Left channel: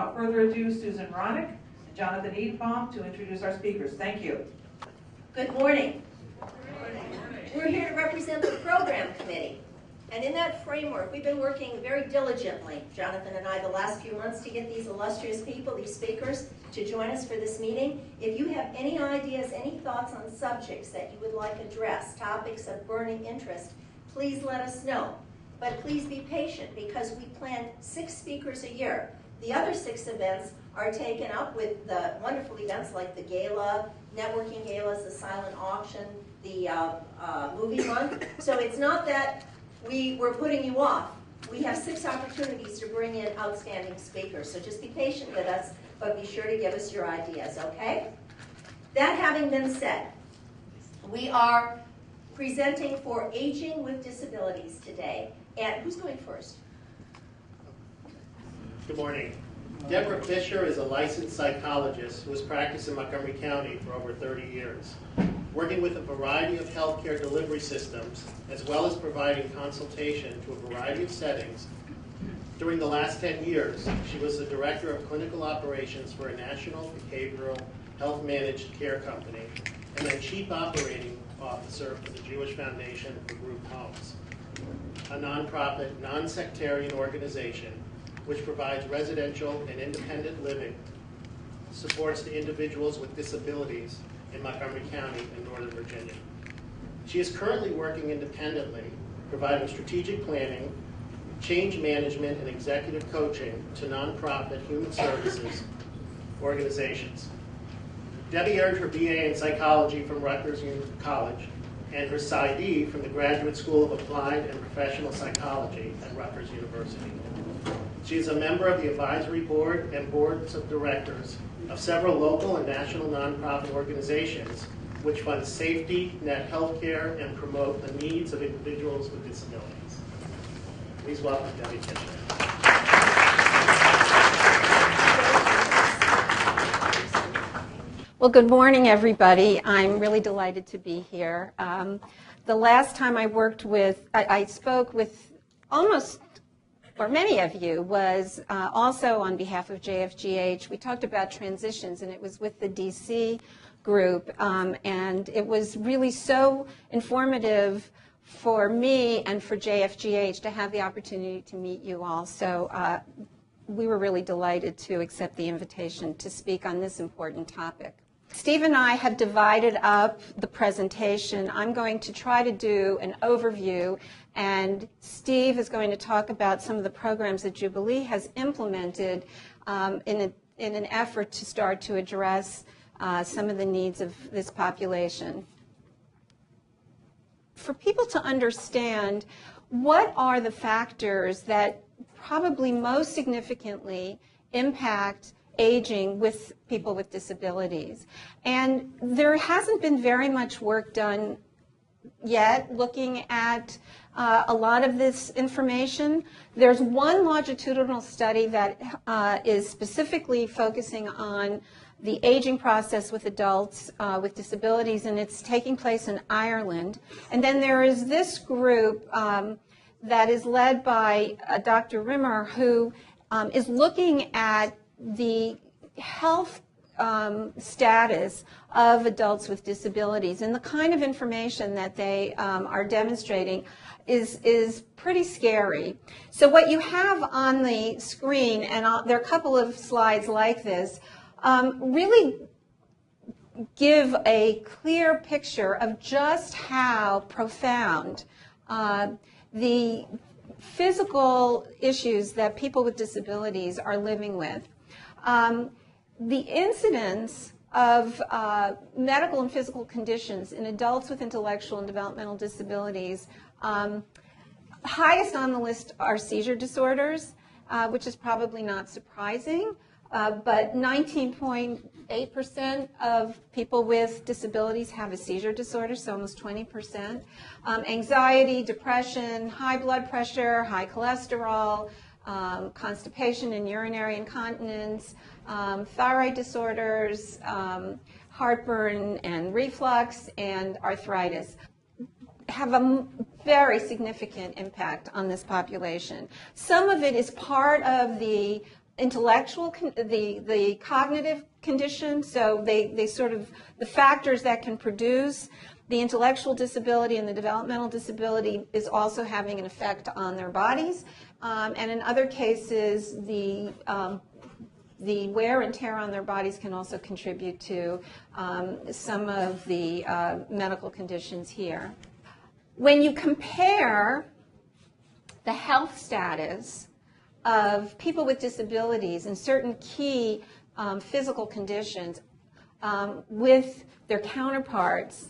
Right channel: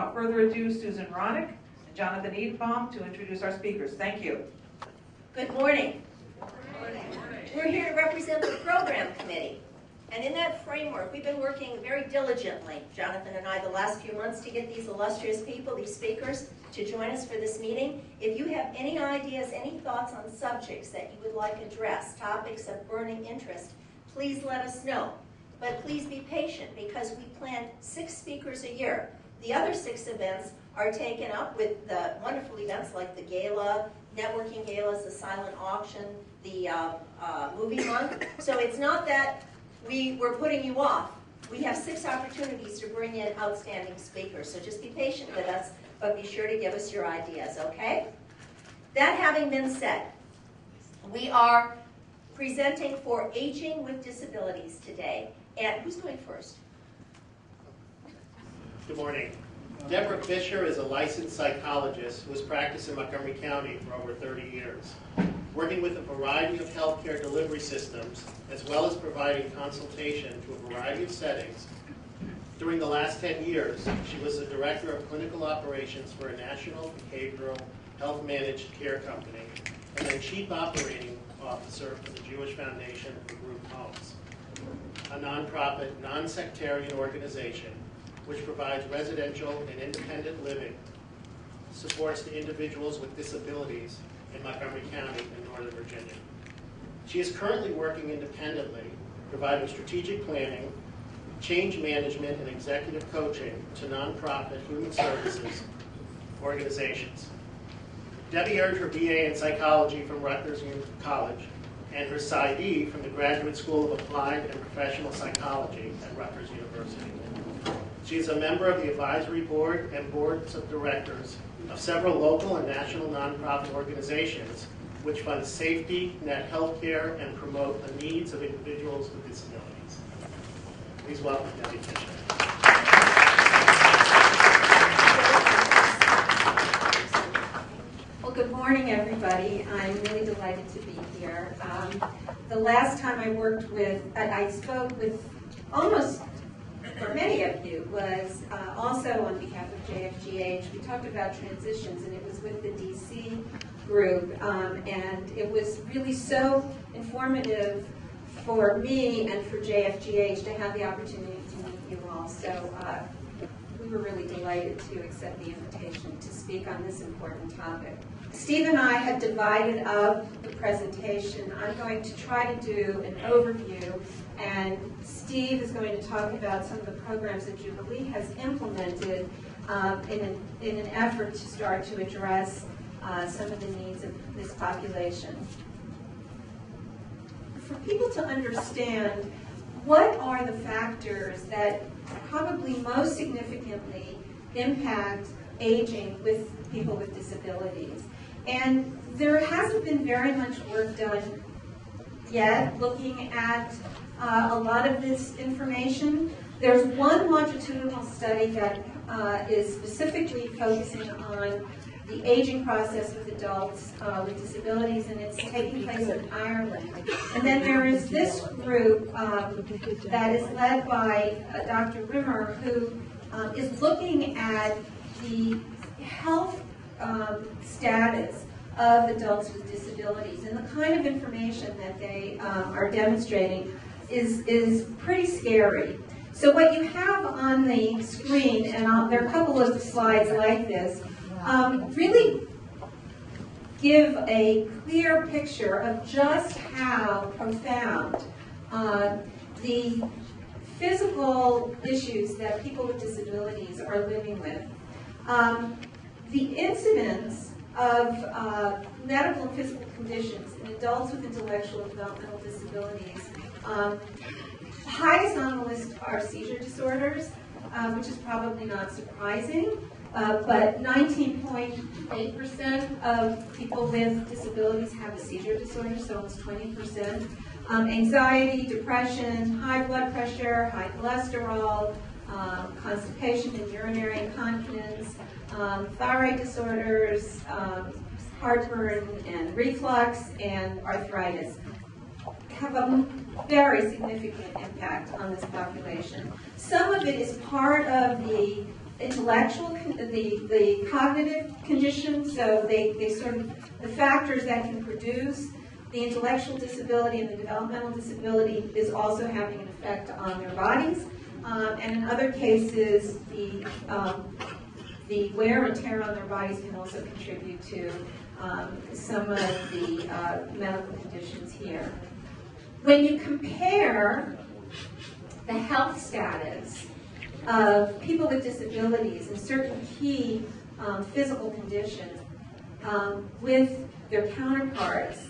without further ado, Susan Ronick and Jonathan Edenbaum to introduce our speakers. Thank you. Good morning. We're here to represent the program committee. And in that framework, we've been working very diligently, Jonathan and I, the last few months to get these illustrious people, these speakers, to join us for this meeting. If you have any ideas, any thoughts on subjects that you would like addressed, topics of burning interest, please let us know. But please be patient because we plan 6 speakers a year. The other 6 events are taken up with the wonderful events like the gala, networking galas, the silent auction, the movie month. So it's not that we're putting you off. We have 6 opportunities to bring in outstanding speakers. So just be patient with us, but be sure to give us your ideas, okay? That having been said, we are presenting for Aging with Disabilities today. And who's going first? Good morning. Deborah Fisher is a licensed psychologist who has practiced in Montgomery County for over 30 years, working with a variety of healthcare delivery systems, as well as providing consultation to a variety of settings. During the last 10 years, she was the director of clinical operations for a national behavioral health managed care company, and then chief operating officer for the Jewish Foundation for Group Homes, a nonprofit, non-sectarian organization which provides residential and independent living, supports the individuals with disabilities in Montgomery County and Northern Virginia. She is currently working independently, providing strategic planning, change management, and executive coaching to nonprofit human services organizations. Debbie earned her BA in psychology from Rutgers College and her PsyD from the Graduate School of Applied and Professional Psychology at Rutgers University. She is a member of the advisory board and boards of directors of several local and national nonprofit organizations which fund safety, net healthcare, and promote the needs of individuals with disabilities. Please welcome Debbie Fisher. Well, good morning, everybody. I'm really delighted to be here. The last time I spoke with almost, or many of you, was also on behalf of JFGH. We talked about transitions, and it was with the DC group, and it was really so informative for me and for JFGH to have the opportunity to meet you all. So we were really delighted to accept the invitation to speak on this important topic. Steve and I have divided up the presentation. I'm going to try to do an overview, and Steve is going to talk about some of the programs that Jubilee has implemented in an effort to start to address some of the needs of this population. For people to understand what are the factors that probably most significantly impact aging with people with disabilities. And there hasn't been very much work done yet looking at a lot of this information. There's one longitudinal study that is specifically focusing on the aging process with adults with disabilities, and it's taking place in Ireland. And then there is this group that is led by Dr. Rimmer, who is looking at the health status of adults with disabilities, and the kind of information that they are demonstrating is pretty scary. So what you have on the screen, and there are a couple of slides like this, really give a clear picture of just how profound the physical issues that people with disabilities are living with. The incidence of medical and physical conditions in adults with intellectual and developmental disabilities, highest on the list are seizure disorders, which is probably not surprising, but 19.8% of people with disabilities have a seizure disorder, so almost 20%. Anxiety, depression, high blood pressure, high cholesterol, constipation and urinary incontinence, thyroid disorders, heartburn and reflux, and arthritis have a very significant impact on this population. Some of it is part of the intellectual, the cognitive conditions, so they sort of, the factors that can produce the intellectual disability and the developmental disability is also having an effect on their bodies. And in other cases, the wear and tear on their bodies can also contribute to some of the medical conditions here. When you compare the health status of people with disabilities and certain key physical conditions with their counterparts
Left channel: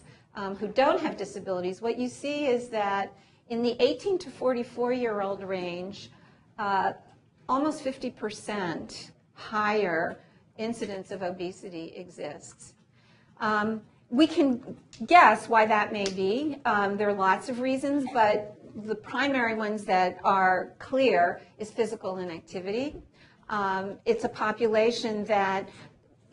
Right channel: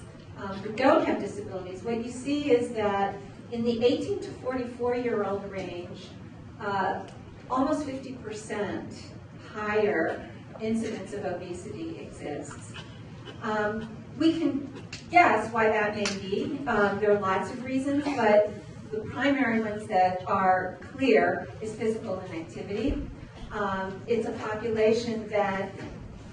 who don't have disabilities, what you see is that in the 18 to 44-year-old range, almost 50% higher incidence of obesity exists. We can guess why that may be. There are lots of reasons, but the primary ones that are clear is physical inactivity. It's a population that,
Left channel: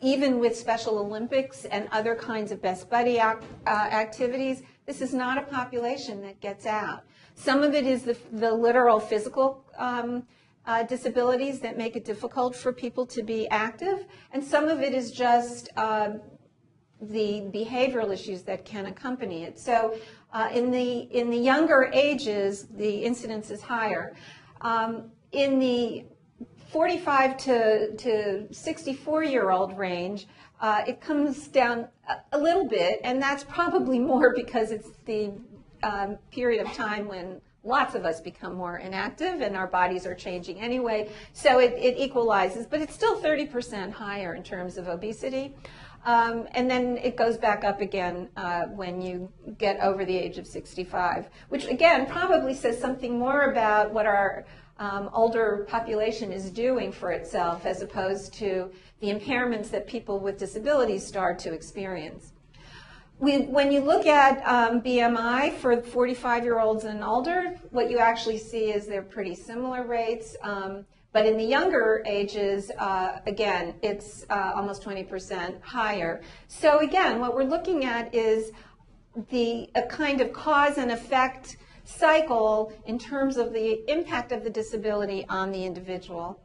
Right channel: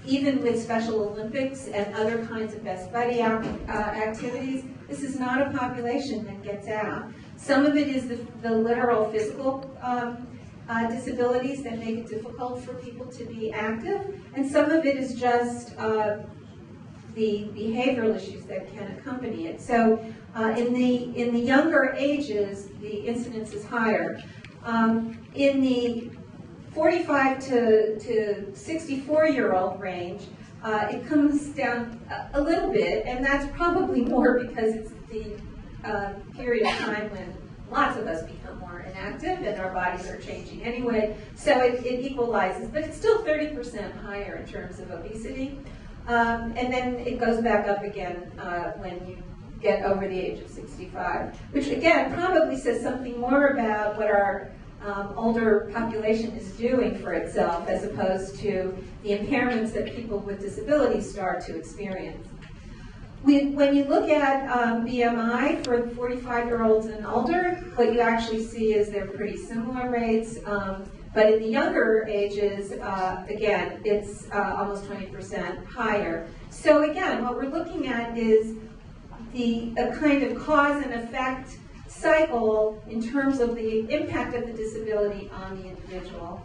even with Special Olympics and other kinds of best buddy activities, this is not a population that gets out. Some of it is the literal physical disabilities that make it difficult for people to be active, and some of it is just the behavioral issues that can accompany it. So in the younger ages, the incidence is higher. In the 45 to 64-year-old range, it comes down a little bit, and that's probably more because it's the period of time when lots of us become more inactive and our bodies are changing anyway, so it equalizes, but it's still 30% higher in terms of obesity. And then it goes back up again when you get over the age of 65, which again probably says something more about what our older population is doing for itself as opposed to the impairments that people with disabilities start to experience. When you look at BMI for 45-year-olds and older, what you actually see is they're pretty similar rates. But in the younger ages, again, it's almost 20% higher. So again, what we're looking at is a kind of cause and effect cycle in terms of the impact of the disability on the individual.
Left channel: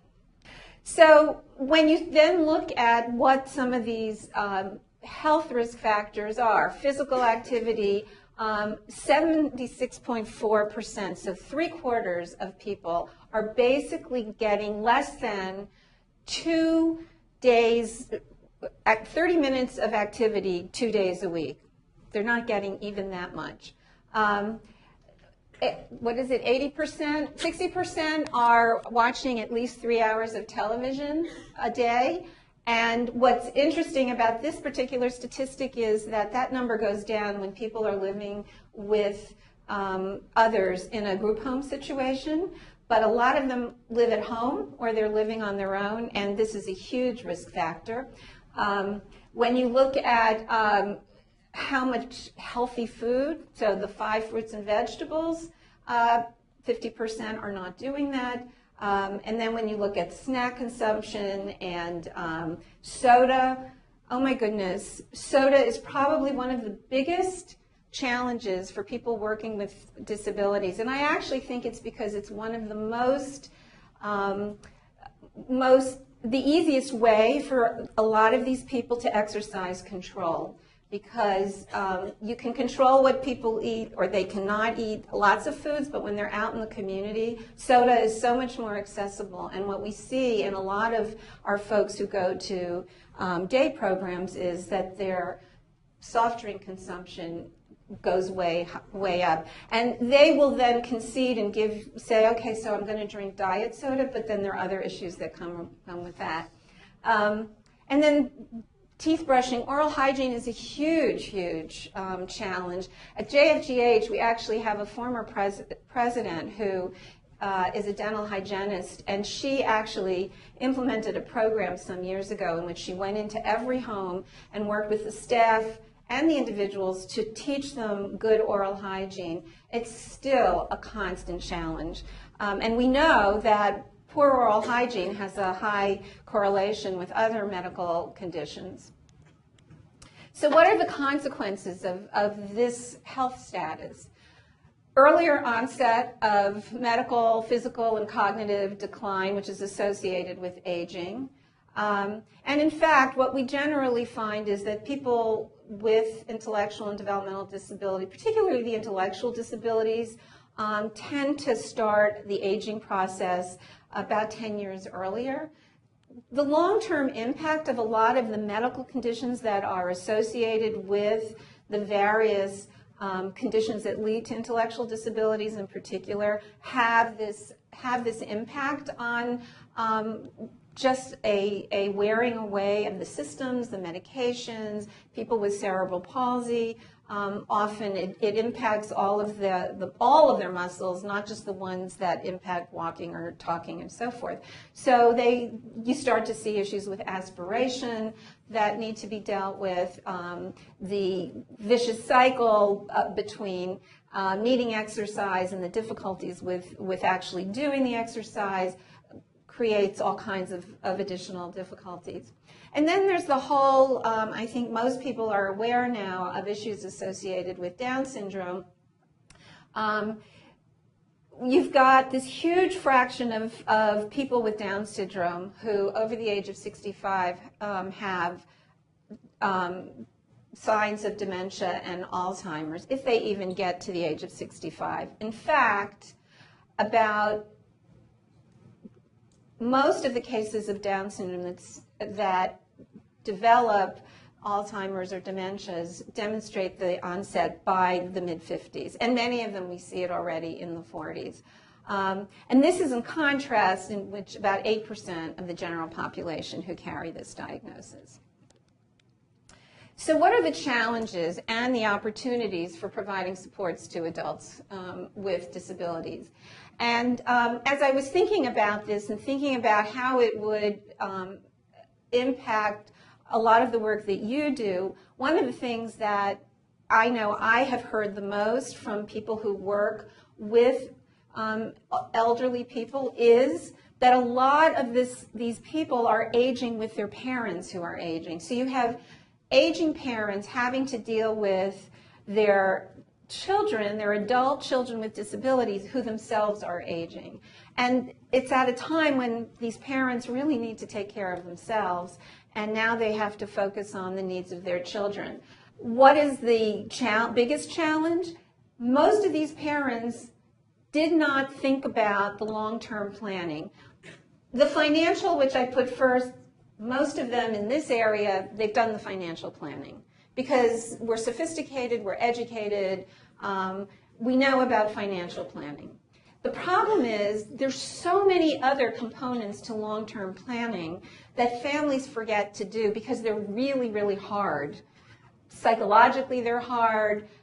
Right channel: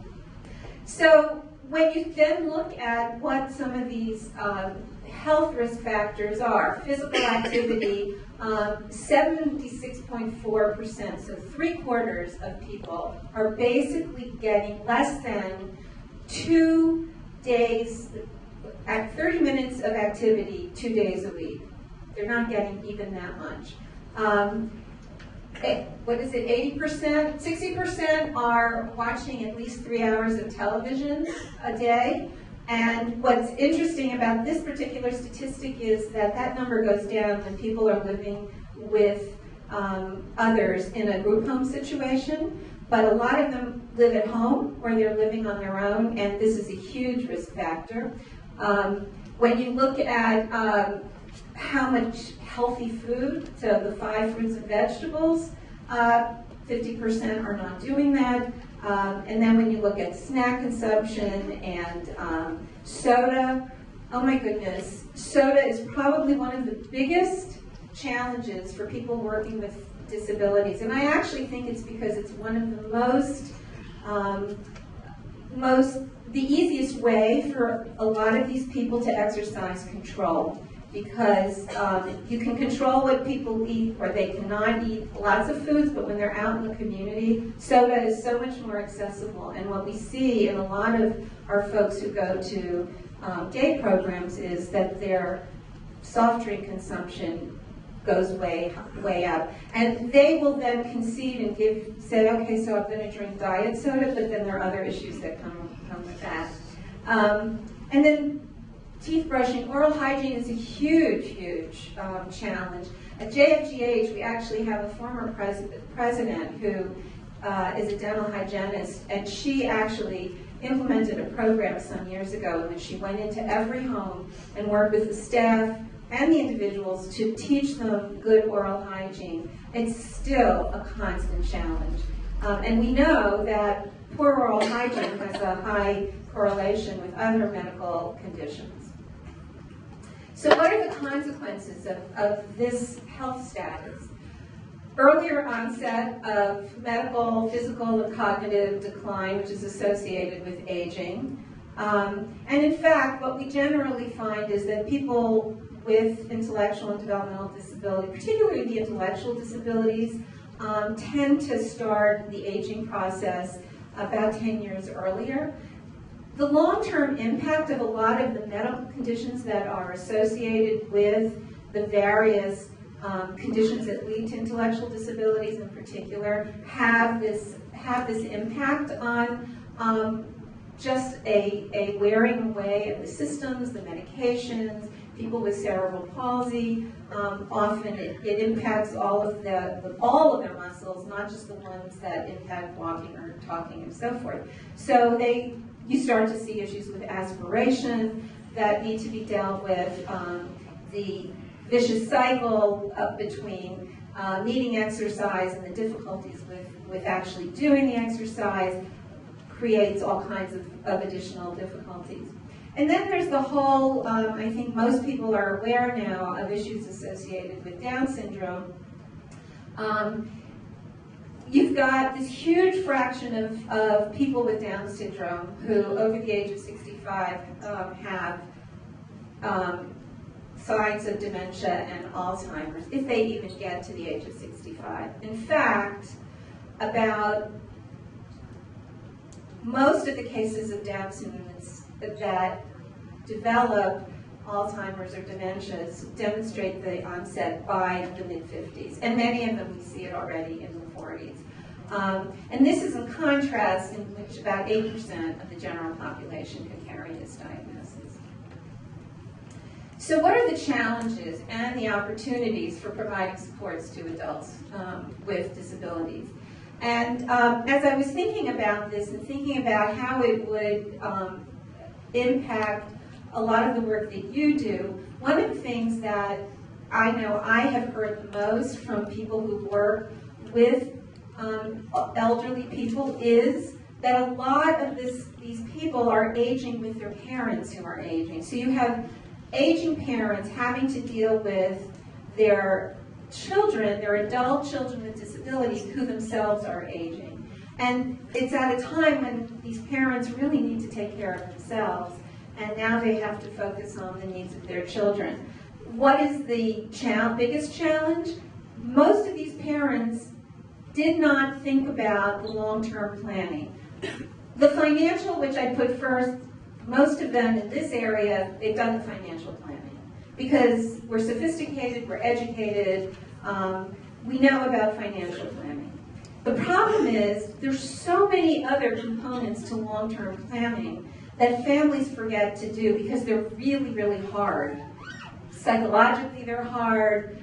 So when you then look at what some of these health risk factors are, physical activity, 76.4%, so 3/4 of people are basically getting less than 2 days, 30 minutes of activity 2 days a week. They're not getting even that much. What is it, 80%? 60% are watching at least 3 hours of television a day. And what's interesting about this particular statistic is that that number goes down when people are living with others in a group home situation. But a lot of them live at home or they're living on their own, and this is a huge risk factor. When you look at how much healthy food, so the 5 fruits and vegetables, 50% are not doing that. And then when you look at snack consumption and soda, oh my goodness, soda is probably one of the biggest challenges for people working with disabilities. And I actually think it's because it's one of the the easiest way for a lot of these people to exercise control. Because you can control what people eat, or they cannot eat lots of foods, but when they're out in the community, soda is so much more accessible. And what we see in a lot of our folks who go to day programs is that their soft drink consumption goes way up. And they will then concede and say, okay, so I'm going to drink diet soda, but then there are other issues that come with that. And then teeth brushing, oral hygiene is a huge, huge challenge. At JFGH, we actually have a former president who is a dental hygienist, and she actually implemented a program some years ago in which she went into every home and worked with the staff and the individuals to teach them good oral hygiene. It's still a constant challenge. And we know that poor oral hygiene has a high correlation with other medical conditions. So what are the consequences of this health status? earlier onset of medical, physical, and cognitive decline, which is associated with aging. And in fact, what we generally find is that people with intellectual and developmental disability, particularly the intellectual disabilities, tend to start the aging process about 10 years earlier. The long-term impact of a lot of the medical conditions that are associated with the various conditions that lead to intellectual disabilities in particular have this impact on just a wearing away of the systems, the medications. People with cerebral palsy, often it impacts all of their muscles, not just the ones that impact walking or talking and so forth. So you start to see issues with aspiration that need to be dealt with, the vicious cycle between needing exercise and the difficulties with actually doing the exercise creates all kinds of additional difficulties. And then there's the whole, I think most people are aware now of issues associated with Down syndrome. You've got this huge fraction of people with Down syndrome who, over the age of 65, have signs of dementia and Alzheimer's, if they even get to the age of 65. In fact, about most of the cases of Down syndrome that develop Alzheimer's or dementias demonstrate the onset by the mid-50s, and many of them we see it already in the 40s. And this is in contrast in which about 8% of the general population who carry this diagnosis. So what are the challenges and the opportunities for providing supports to adults with disabilities? And as I was thinking about this and thinking about how it would impact a lot of the work that you do, one of the things that I know I have heard the most from people who work with elderly people is that a lot of these people are aging with their parents who are aging. So you have aging parents having to deal with their children, their adult children with disabilities who themselves are aging. And it's at a time when these parents really need to take care of themselves, and now they have to focus on the needs of their children. What is the biggest challenge? Most of these parents did not think about the long-term planning. The financial, which I put first, most of them in this area, they've done the financial planning because we're sophisticated, we're educated, we know about financial planning. The problem is there's so many other components to long-term planning that families forget to do because they're really, really hard. Psychologically, they're hard.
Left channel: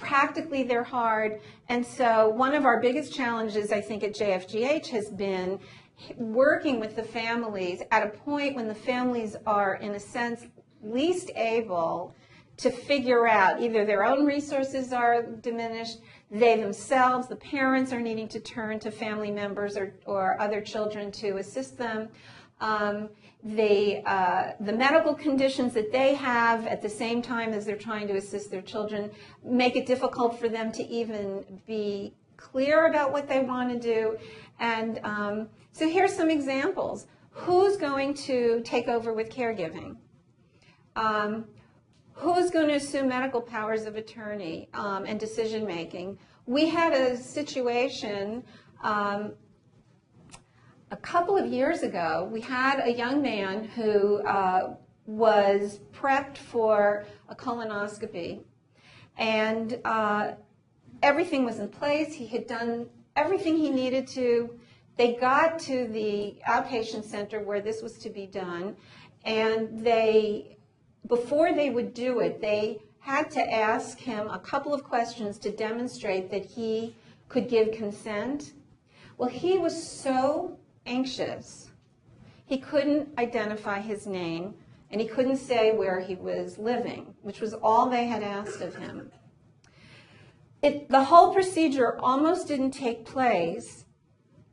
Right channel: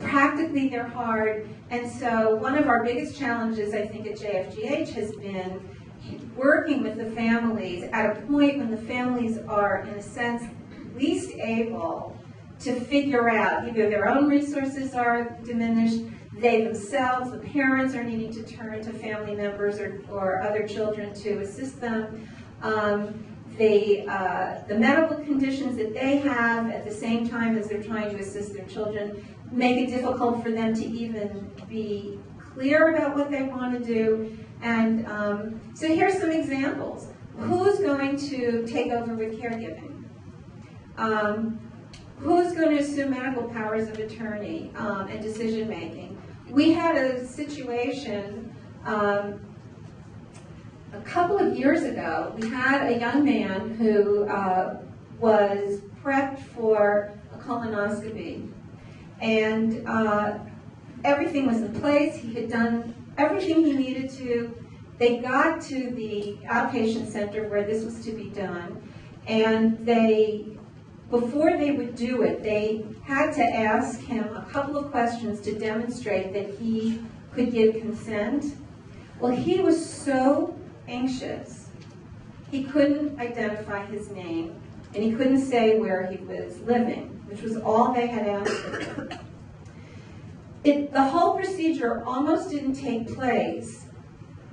Practically, they're hard. And so one of our biggest challenges, I think, at JFGH has been working with the families at a point when the families are, in a sense, least able to figure out either their own resources are diminished, they themselves, the parents, are needing to turn to family members or other children to assist them. The medical conditions that they have at the same time as they're trying to assist their children make it difficult for them to even be clear about what they want to do. And so here's some examples. Who's going to take over with caregiving? Who's going to assume medical powers of attorney and decision making? We had a situation a couple of years ago. We had a young man who was prepped for a colonoscopy, and everything was in place. He had done everything he needed to. They got to the outpatient center where this was to be done, and before they would do it, they had to ask him a couple of questions to demonstrate that he could give consent. Well, he was so anxious, he couldn't identify his name, and he couldn't say where he was living, which was all they had asked of him. The whole procedure almost didn't take place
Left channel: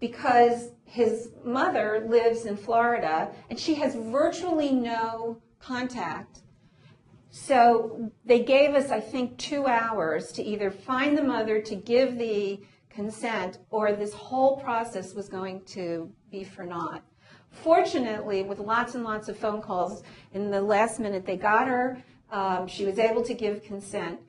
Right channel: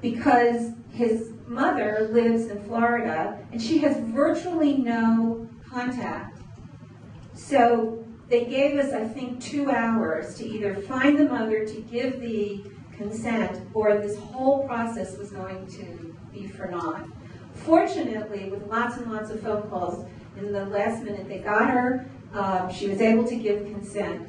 because his mother lives in Florida, and she has virtually no contact So they gave us, I think, 2 hours to either find the mother to give the consent, or this whole process was going to be for naught. Fortunately, with lots and lots of phone calls, in the last minute they got her, she was able to give consent.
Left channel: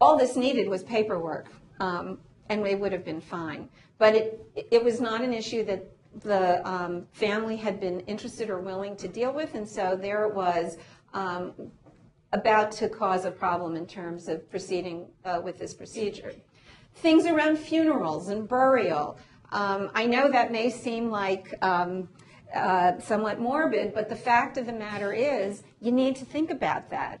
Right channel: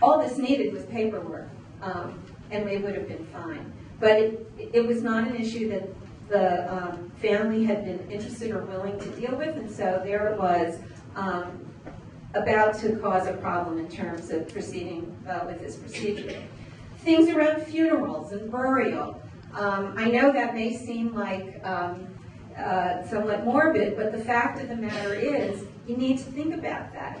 All this needed was paperwork, and it would have been fine. But it was not an issue that the family had been interested or willing to deal with, and so there it was, about to cause a problem in terms of proceeding with this procedure. Things around funerals and burial. I know that may seem like somewhat morbid, but the fact of the matter is you need to think about that.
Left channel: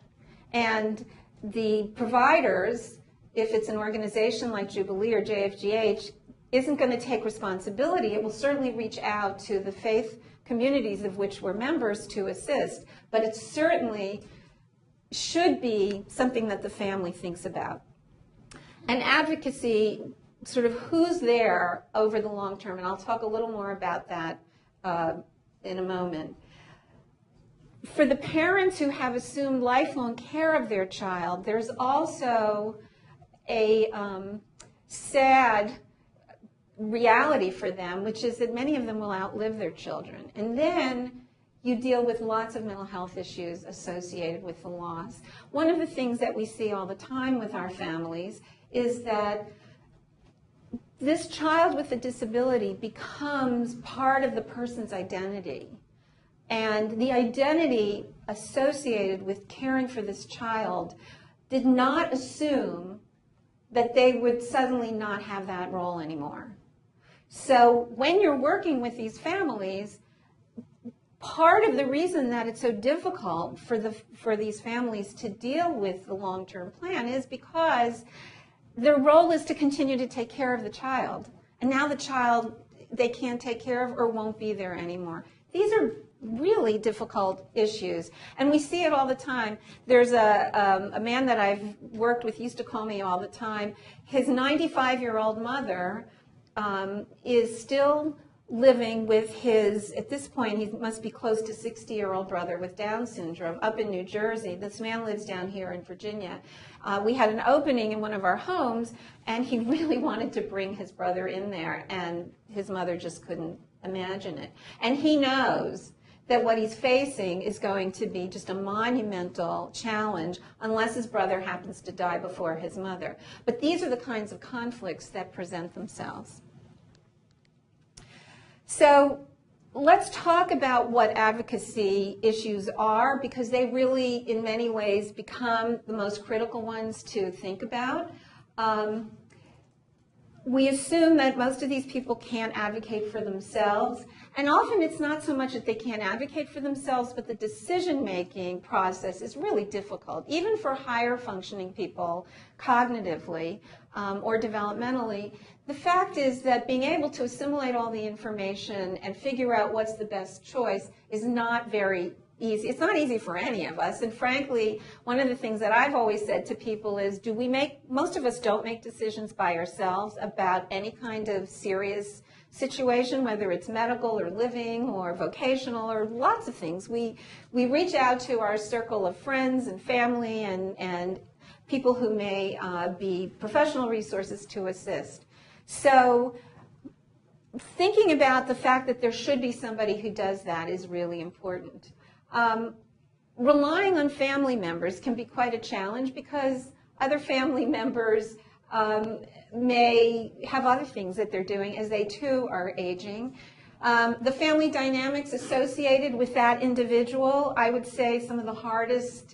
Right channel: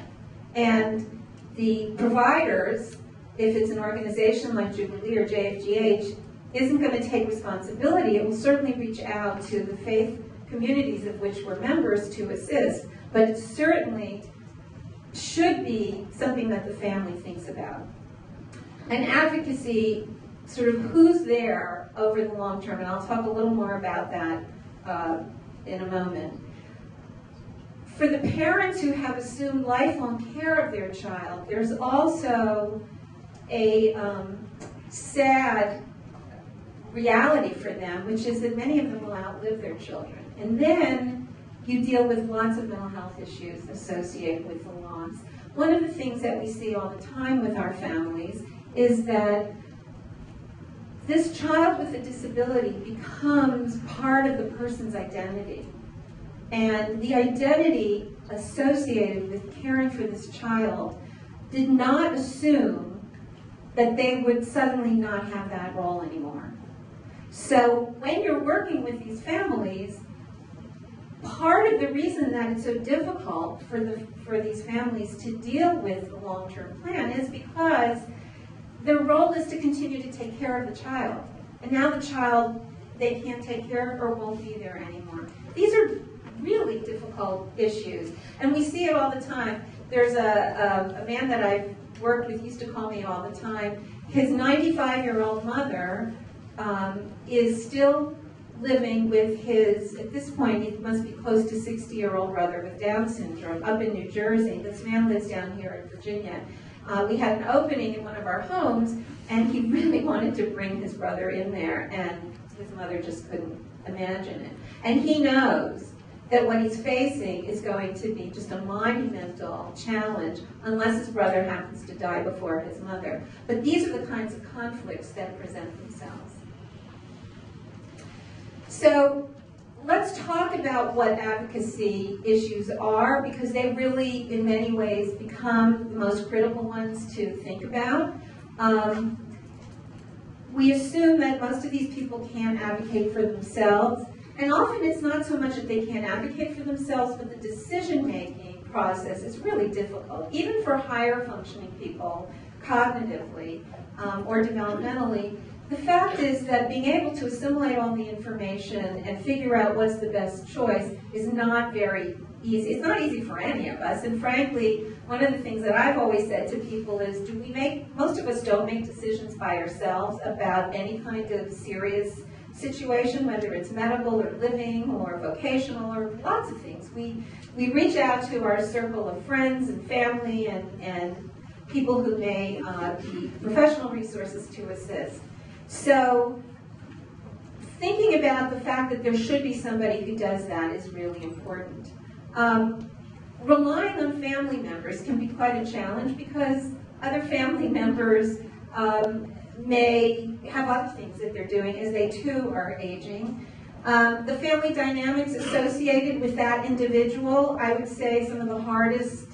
And the providers, if it's an organization like Jubilee or JFGH, isn't going to take responsibility. It will certainly reach out to the faith communities of which we're members to assist, but it certainly should be something that the family thinks about. And advocacy, sort of who's there over the long term, and I'll talk a little more about that in a moment. For the parents who have assumed lifelong care of their child, there's also a sad reality for them, which is that many of them will outlive their children. And then you deal with lots of mental health issues associated with the loss. One of the things that we see all the time with our families is that this child with a disability becomes part of the person's identity. And the identity associated with caring for this child did not assume that they would suddenly not have that role anymore. So when you're working with these families, part of the reason that it's so difficult for these families to deal with the long-term plan is because their role is to continue to take care of the child. And now the child they can't take care of or won't be there anymore. These are really difficult issues. And we see it all the time. There's a man that I've worked with used to call me all the time. His 95-year-old mother is still living with his, at this point, he must be close to 60-year-old brother with Down syndrome up in New Jersey. This man lives down here in Virginia. We had an opening in one of our homes, and he really wanted to bring his brother in there, and his mother just couldn't imagine it. And he knows that what he's facing is going to be just a monumental challenge unless his brother happens to die before his mother. But these are the kinds of conflicts that present themselves. So let's talk about what advocacy issues are, because they really, in many ways, become the most critical ones to think about. We assume that most of these people can't advocate for themselves, and often it's not so much that they can't advocate for themselves, but the decision-making process is really difficult, even for higher functioning people, cognitively or developmentally. The fact is that being able to assimilate all the information and figure out what's the best choice is not very easy. It's not easy for any of us, and frankly, one of the things that I've always said to people is, most of us don't make decisions by ourselves about any kind of serious situation, whether it's medical or living or vocational or lots of things. We reach out to our circle of friends and family and people who may be professional resources to assist. So thinking about the fact that there should be somebody who does that is really important. Relying on family members can be quite a challenge because other family members may have other things that they're doing as they too are aging. The family dynamics associated with that individual, I would say some of the hardest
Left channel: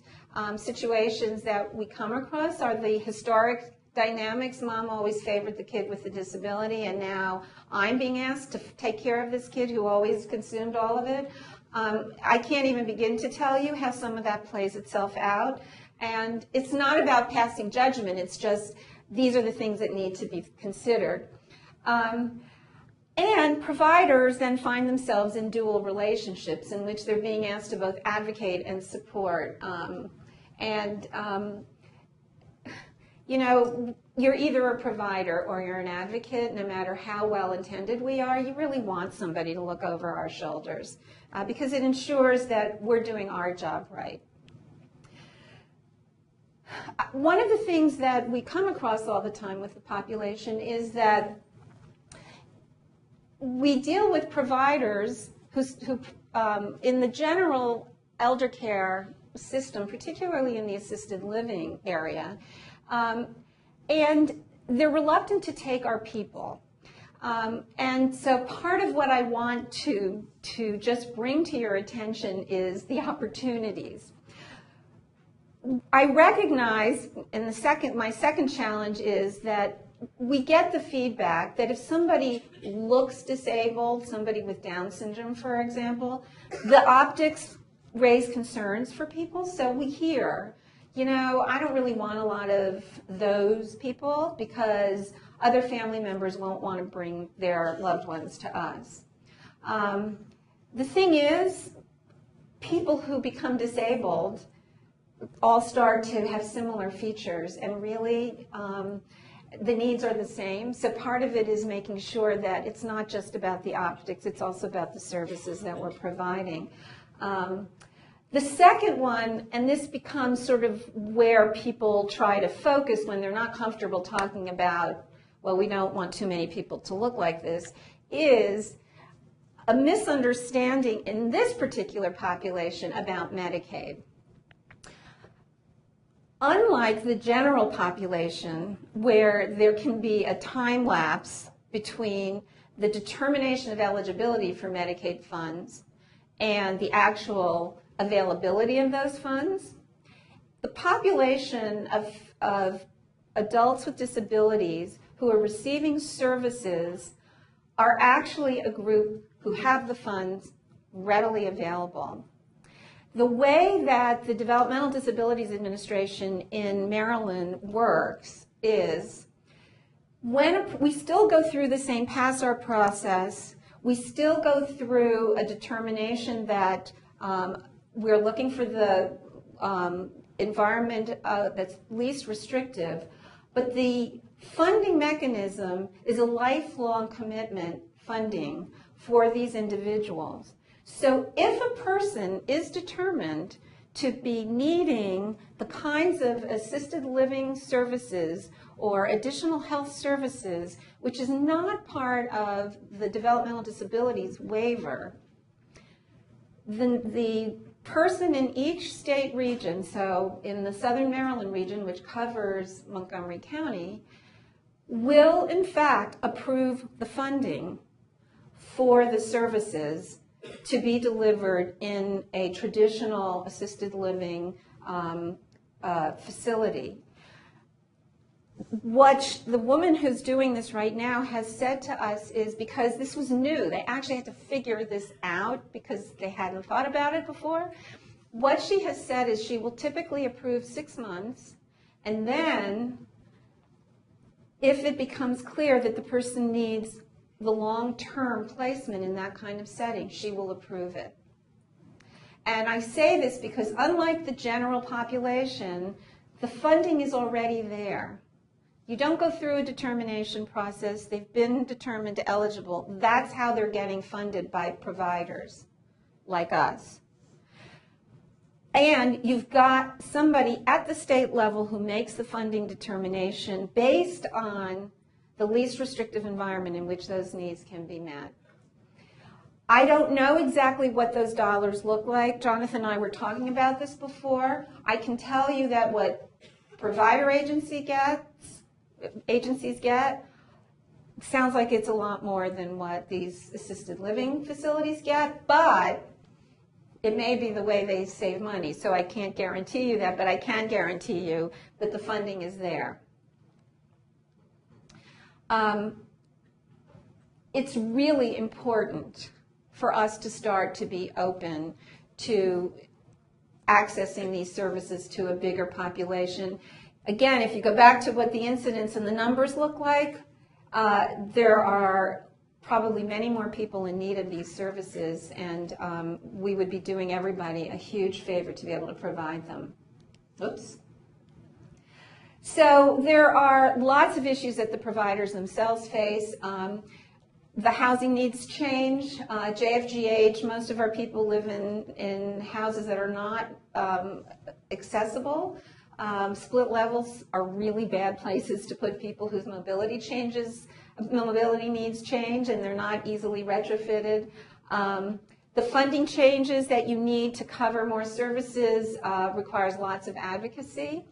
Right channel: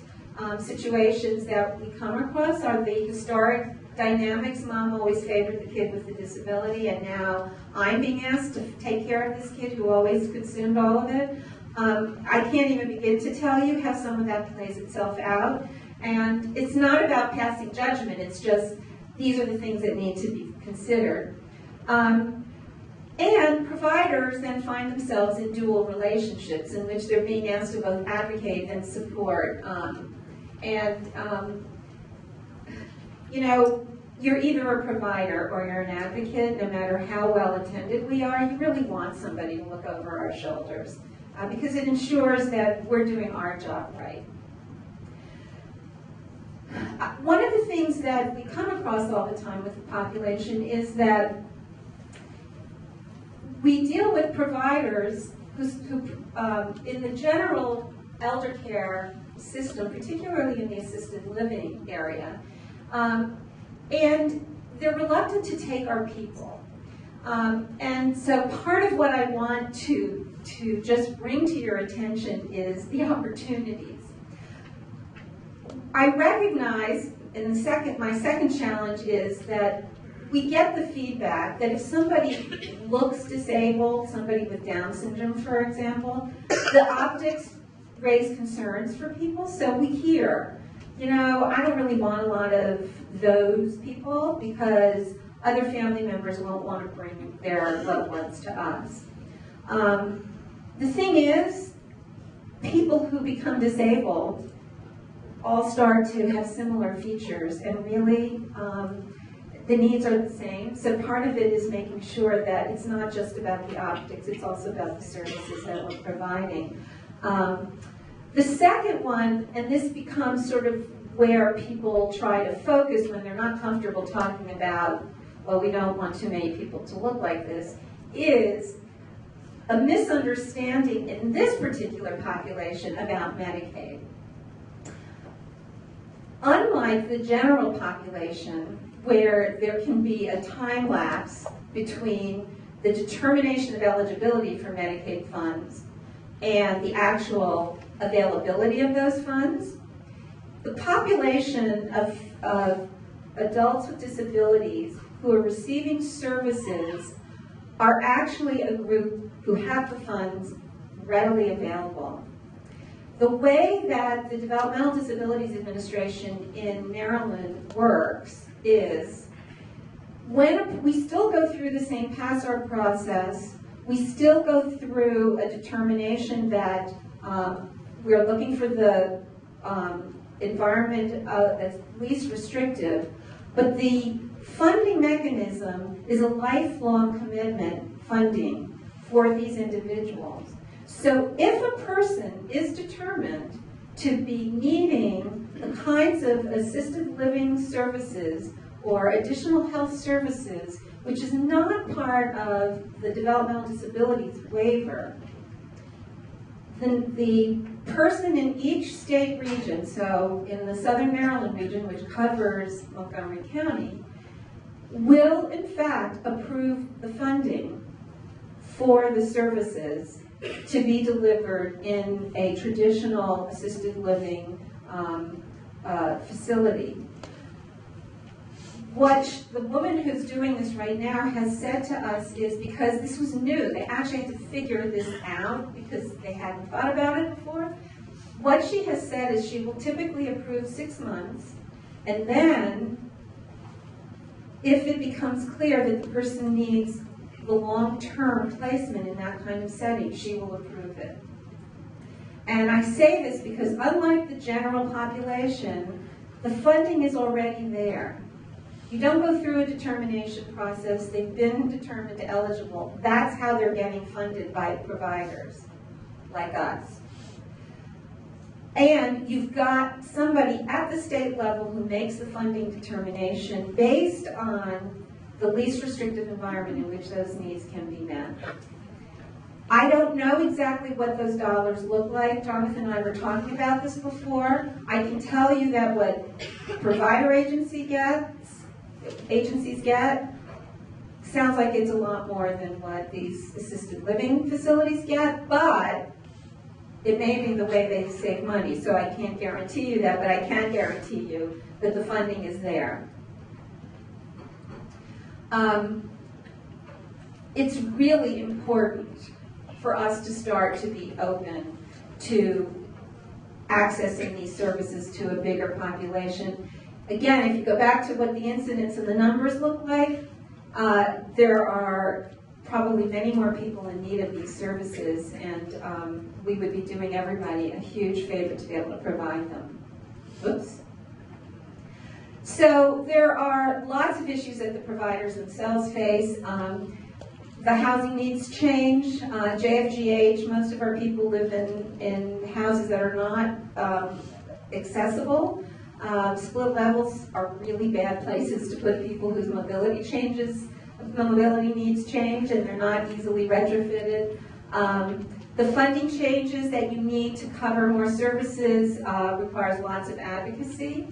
situations that we come across are the historic dynamics. Mom always favored the kid with the disability, and now I'm being asked to take care of this kid who always consumed all of it. I can't even begin to tell you how some of that plays itself out. And it's not about passing judgment, it's just these are the things that need to be considered. And providers then find themselves in dual relationships in which they're being asked to both advocate and support. You know, you're either a provider or you're an advocate. No matter how well attended we are, you really want somebody to look over our shoulders because it ensures that we're doing our job right. One of the things that we come across all the time with the population is that we deal with providers who in the general elder care system, particularly in the assisted living area, and they're reluctant to take our people. And so part of what I want to just bring to your attention is the opportunities. I recognize, and my second challenge is that we get the feedback that if somebody looks disabled, somebody with Down syndrome, for example, the optics raise concerns for people. So we hear, you know, I don't really want a lot of those people because other family members won't want to bring their loved ones to us. The thing is, people who become disabled all start to have similar features, and really the needs are the same. So part of it is making sure that it's not just about the optics, it's also about the services that we're providing. The second one, and this becomes sort of where people try to focus when they're not comfortable talking about, well, we don't want too many people to look like this, is a misunderstanding in this particular population about Medicaid. Unlike the general population, where there can be a time lapse between the determination of eligibility for Medicaid funds and the actual availability of those funds, the population of adults with disabilities who are receiving services are actually a group who have the funds readily available. The way that the Developmental Disabilities Administration in Maryland works is when we still go through the same PASSAR process, we still go through a determination that we're looking for the environment that's least restrictive, but the funding mechanism is a lifelong commitment funding for these individuals. So if a person is determined to be needing the kinds of assisted living services or additional health services, which is not part of the developmental disabilities waiver, then the person in each state region, so in the Southern Maryland region, which covers Montgomery County, will in fact approve the funding for the services to be delivered in a traditional assisted living facility. What the woman who's doing this right now has said to us is, because this was new, they actually had to figure this out because they hadn't thought about it before. What she has said is she will typically approve 6 months, and then if it becomes clear that the person needs the long-term placement in that kind of setting, she will approve it. And I say this because unlike the general population, the funding is already there. You don't go through a determination process. They've been determined eligible. That's how they're getting funded by providers like us. And you've got somebody at the state level who makes the funding determination based on the least restrictive environment in which those needs can be met. I don't know exactly what those dollars look like. Jonathan and I were talking about this before. I can tell you that what provider agencies get sounds like it's a lot more than what these assisted living facilities get, but it may be the way they save money, so I can't guarantee you that, but I can guarantee you that the funding is there. It's really important for us to start to be open to accessing these services to a bigger population. Again, if you go back to what the incidence and the numbers look like, there are probably many more people in need of these services, and we would be doing everybody a huge favor to be able to provide them. Oops. So there are lots of issues that the providers themselves face. The housing needs change. JFGH, most of our people live in houses that are not accessible. Split levels are really bad places to put people whose mobility needs change, and they're not easily retrofitted. The funding changes that you need to cover more services requires lots of advocacy.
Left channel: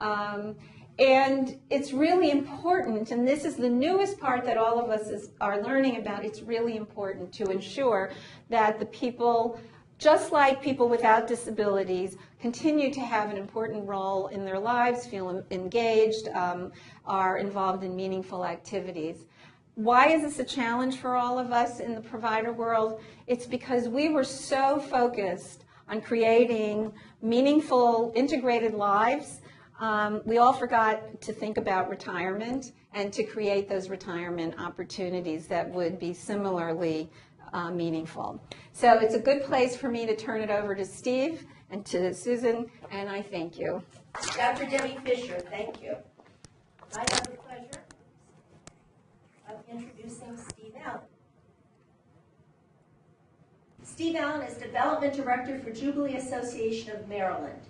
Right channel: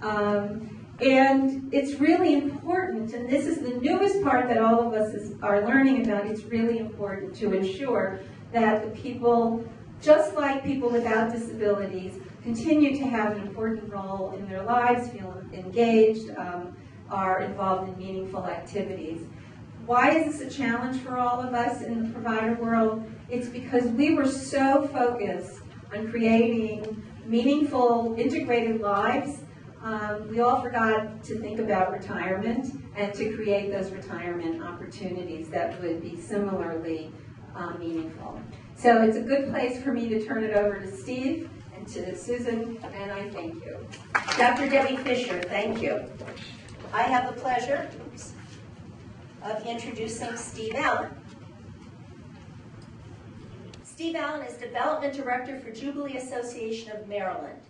And it's really important, and this is the newest part that all of us are learning about, it's really important to ensure that the people, just like people without disabilities, continue to have an important role in their lives, feel engaged, are involved in meaningful activities. Why is this a challenge for all of us in the provider world? It's because we were so focused on creating meaningful, integrated lives. We all forgot to think about retirement and to create those retirement opportunities that would be similarly meaningful. So it's a good place for me to turn it over to Steve and to Susan, and I thank you. Dr. Debbie Fisher, thank you. I have the pleasure of introducing Steve Allen. Steve Allen is Development Director for Jubilee Association of Maryland.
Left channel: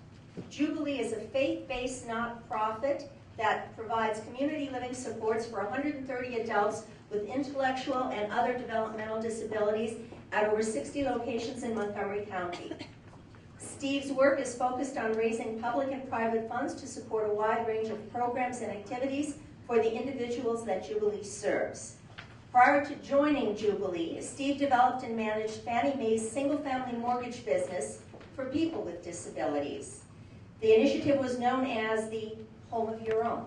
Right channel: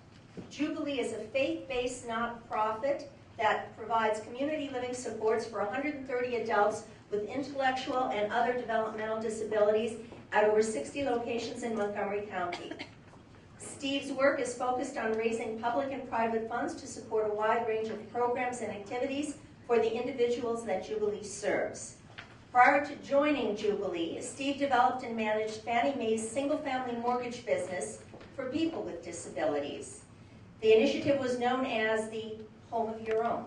Jubilee is a faith-based nonprofit that provides community living supports for 130 adults with intellectual and other developmental disabilities at over 60 locations in Montgomery County. Steve's work is focused on raising public and private funds to support a wide range of programs and activities for the individuals that Jubilee serves. Prior to joining Jubilee, Steve developed and managed Fannie Mae's single-family mortgage business for people with disabilities. The initiative was known as the Home of Your Own.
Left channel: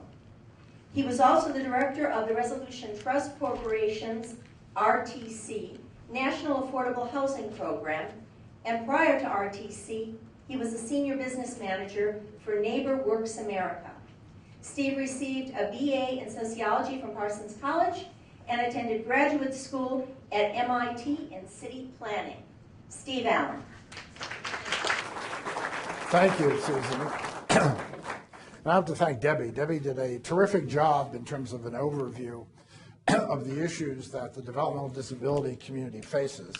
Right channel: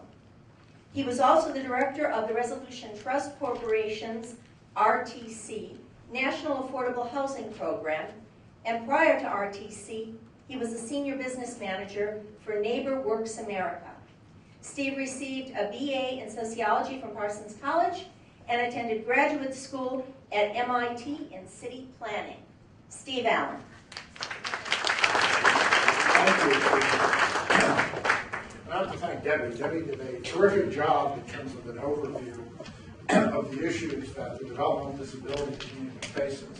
He was also the director of the Resolution Trust Corporation's RTC, National Affordable Housing Program, and prior to RTC, he was a senior business manager for Neighbor Works America. Steve received a BA in sociology from Parsons College and attended graduate school at MIT in city planning. Steve Allen. Thank you, Susan. I have to thank Debbie. Debbie did a terrific job in terms of an overview of the issues that the developmental disability community faces.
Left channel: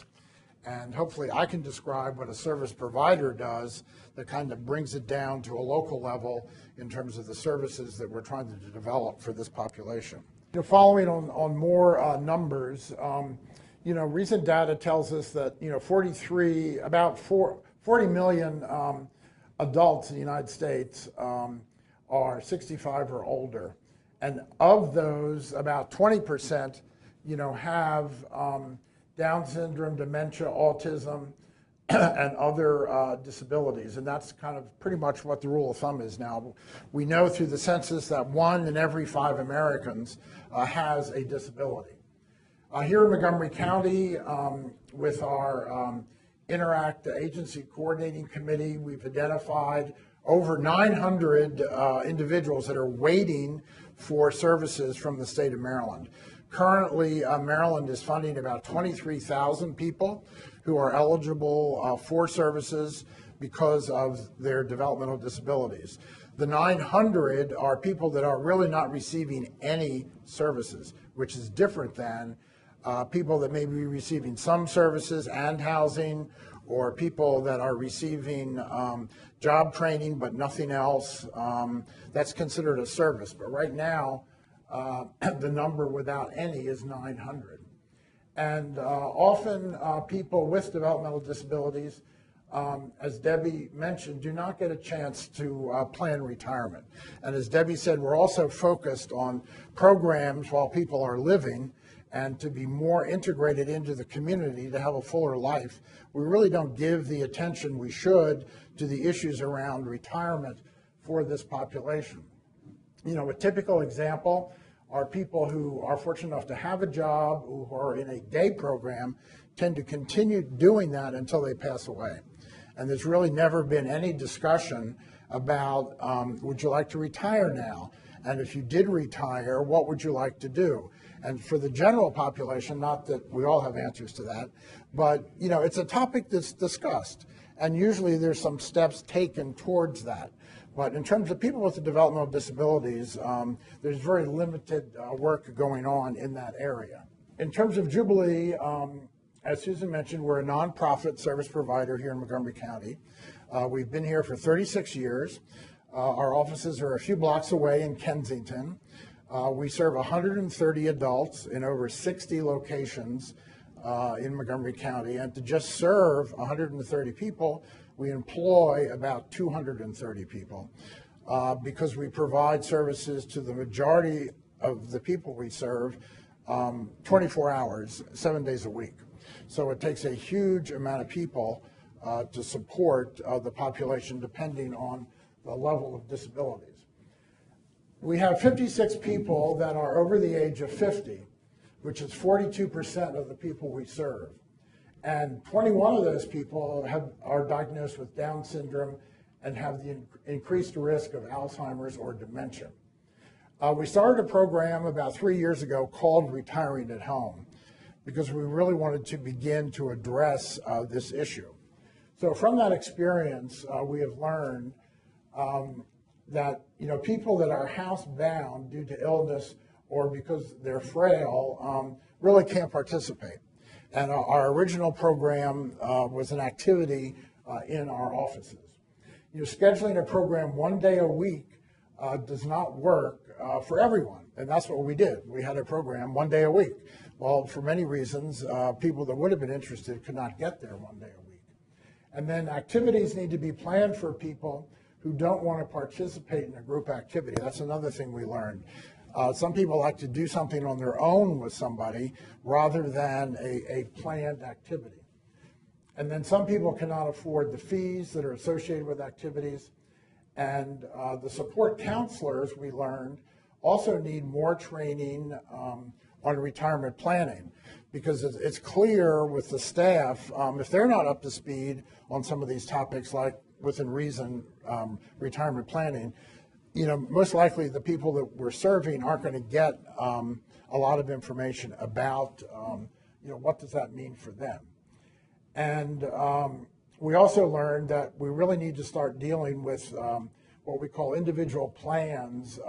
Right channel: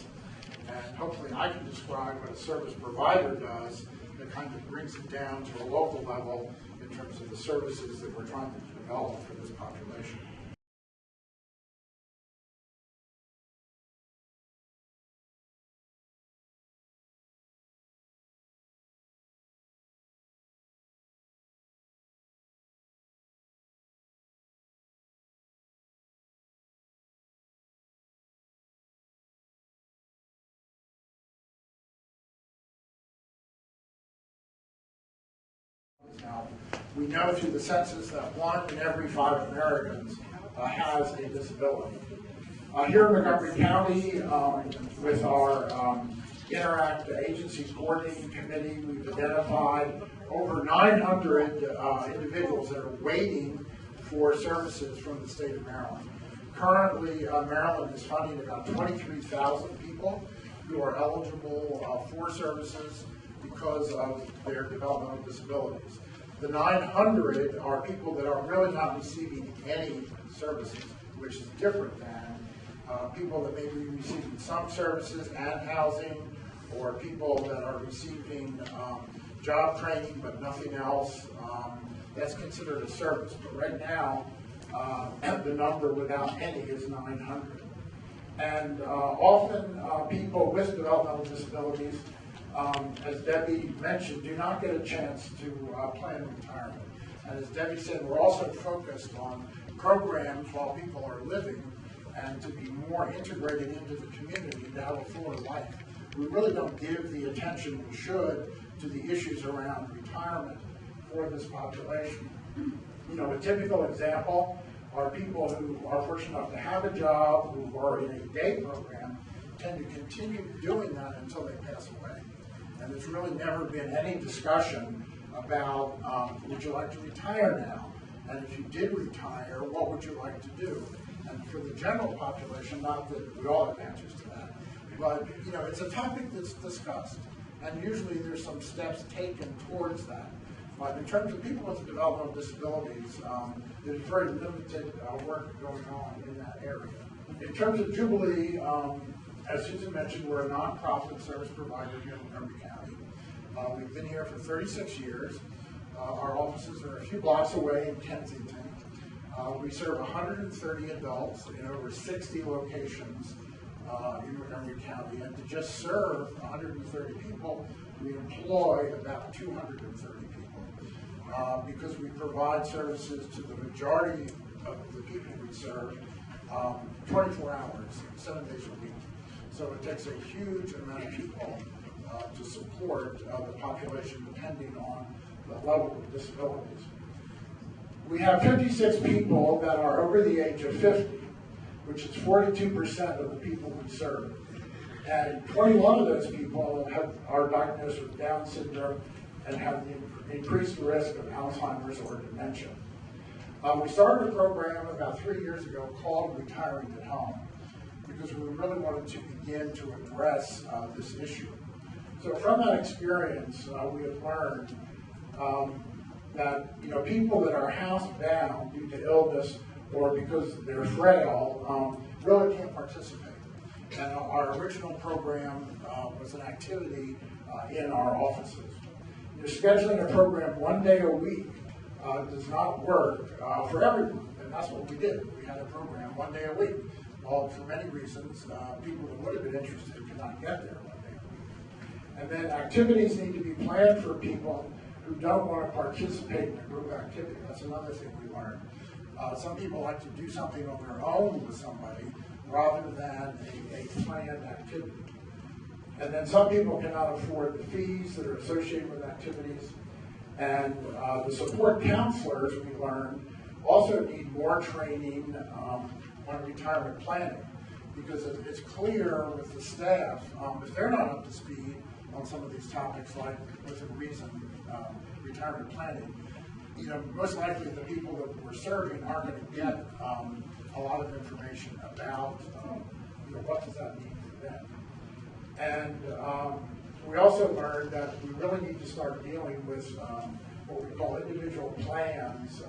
And hopefully I can describe what a service provider does that kind of brings it down to a local level in terms of the services that we're trying to develop for this population. Following on more numbers, recent data tells us that, about 40 million adults in the United States are 65 or older. And of those, about 20%, have Down syndrome, dementia, autism, and other disabilities. And that's kind of pretty much what the rule of thumb is now. We know through the census that 1 in every 5 Americans has a disability. Here in Montgomery County, with our Interact Agency Coordinating Committee, we've identified over 900 individuals that are waiting for services from the state of Maryland. Currently, Maryland is funding about 23,000 people who are eligible for services because of their developmental disabilities. The 900 are people that are really not receiving any services, which is different than people that may be receiving some services and housing, or people that are receiving job training but nothing else. That's considered a service. But right now, the number without any is 900. And often people with developmental disabilities, as Debbie mentioned, do not get a chance to plan retirement. And as Debbie said, we're also focused on programs while people are living and to be more integrated into the community to have a fuller life. We really don't give the attention we should to the issues around retirement for this population. A typical example are people who are fortunate enough to have a job, who are in a day program, tend to continue doing that until they pass away. And there's really never been any discussion about, would you like to retire now? And if you did retire, what would you like to do? And for the general population, not that we all have answers to that, but it's a topic that's discussed. And usually there's some steps taken towards that. But in terms of people with developmental disabilities, there's very limited work going on in that area. In terms of Jubilee, as Susan mentioned, we're a nonprofit service provider here in Montgomery County. We've been here for 36 years. Our offices are a few blocks away in Kensington. We serve 130 adults in over 60 locations in Montgomery County, and to just serve 130 people, we employ about 230 people because we provide services to the majority of the people we serve 24 hours, 7 days a week. So it takes a huge amount of people to support the population depending on the level of disabilities. We have 56 people that are over the age of 50, which is 42% of the people we serve. And 21 of those people are diagnosed with Down syndrome and have the increased risk of Alzheimer's or dementia. We started a program about 3 years ago called Retiring at Home because we really wanted to begin to address this issue. So from that experience, we have learned that people that are housebound due to illness or because they're frail really can't participate. And our original program was an activity in our offices. Scheduling a program 1 day a week does not work for everyone, and that's what we did. We had a program 1 day a week. Well, for many reasons, people that would have been interested could not get there 1 day a week. And then activities need to be planned for people who don't want to participate in a group activity. That's another thing we learned. Some people like to do something on their own with somebody rather than a planned activity. And then some people cannot afford the fees that are associated with activities. And the support counselors, we learned, also need more training on retirement planning, because it's clear with the staff, if they're not up to speed on some of these topics like within reason retirement planning, most likely the people that we're serving aren't going to get a lot of information about what does that mean for them. And we also learned that we really need to start dealing with what we call individual plans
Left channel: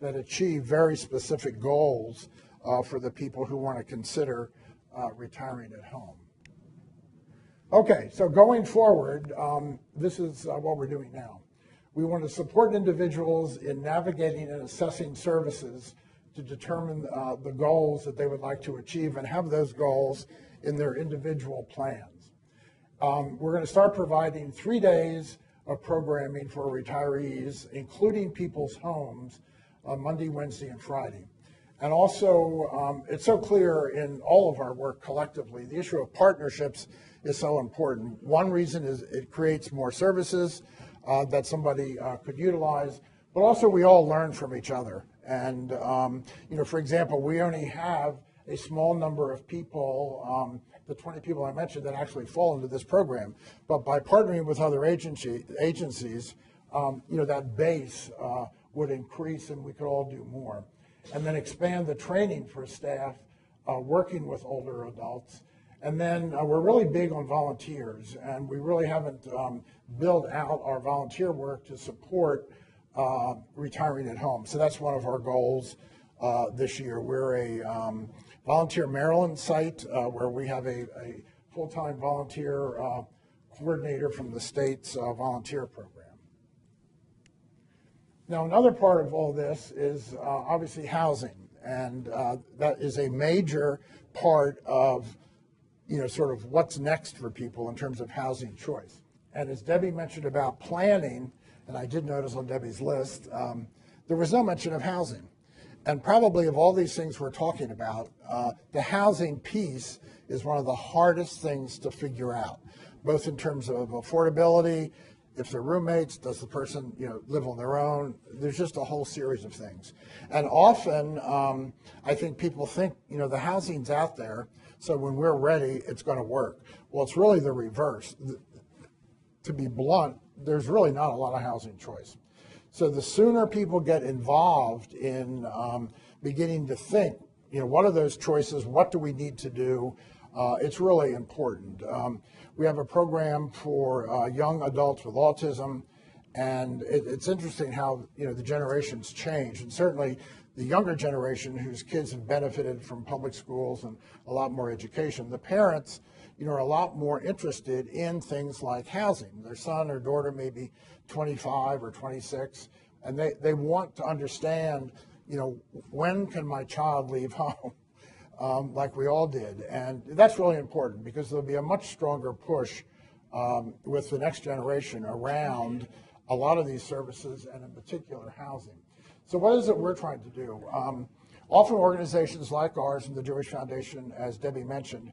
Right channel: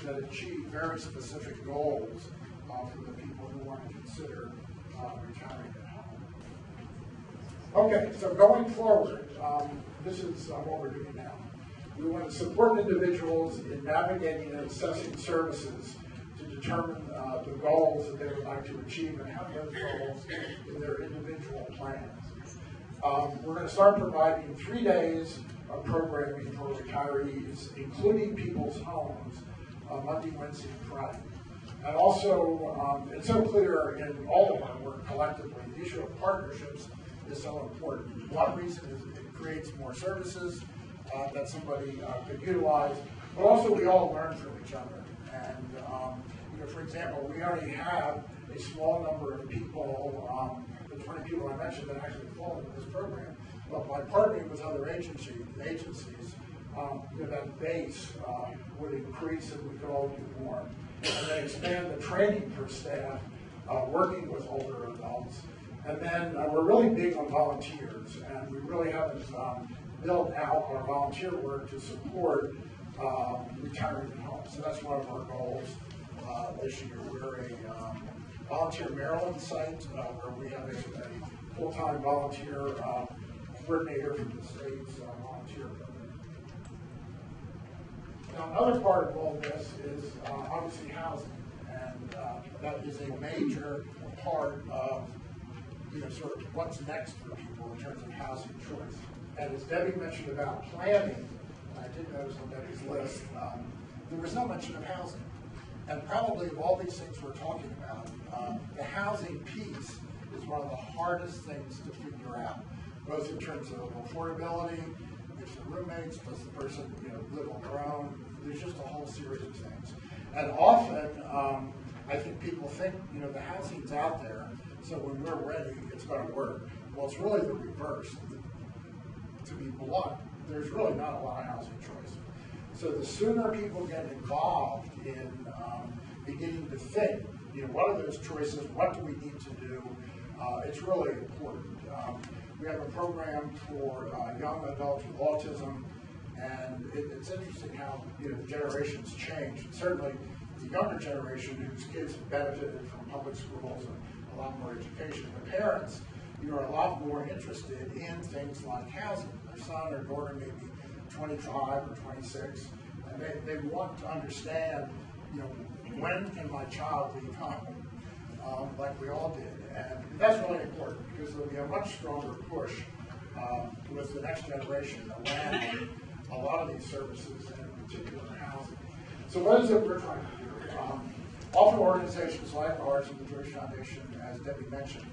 that achieve very specific goals for the people who want to consider retiring at home. Okay, so going forward, this is what we're doing now. We want to support individuals in navigating and assessing services to determine the goals that they would like to achieve and have those goals in their individual plans. We're going to start providing 3 days of programming for retirees, including people's homes, on Monday, Wednesday, and Friday. And also, it's so clear in all of our work collectively, the issue of partnerships is so important. One reason is it creates more services that somebody could utilize, but also we all learn from each other. And for example, we only have a small number of people, the 20 people I mentioned, that actually fall into this program. But by partnering with other agencies, that base would increase and we could all do more. And then expand the training for staff working with older adults. And then we're really big on volunteers, and we really haven't built out our volunteer work to support retiring at home. So that's one of our goals this year. We're a Volunteer Maryland site where we have a full-time volunteer coordinator from the state's volunteer program. Now, another part of all this is obviously housing, and that is a major part of sort of what's next for people in terms of housing choice. And as Debbie mentioned about planning, and I did notice on Debbie's list, there was no mention of housing. And probably of all these things we're talking about, the housing piece is one of the hardest things to figure out, both in terms of affordability, if they're roommates, does the person live on their own? There's just a whole series of things. And often, I think people think, the housing's out there, so when we're ready, it's going to work. Well, it's really the reverse. To be blunt, there's really not a lot of housing choice. So the sooner people get involved in beginning to think, what are those choices, what do we need to do, it's really important. We have a program for young adults with autism, and it's interesting how the generations change. And certainly the younger generation whose kids have benefited from public schools and a lot more education, the parents are a lot more interested in things like housing. Their son or daughter may be 25 or 26, and they want to understand, when can my child leave home, like we all did. And that's really important because there'll be a much stronger push with the next generation around a lot of these services, and in particular housing. So what is it we're trying to do? Often organizations like ours and the Jewish Foundation, as Debbie mentioned,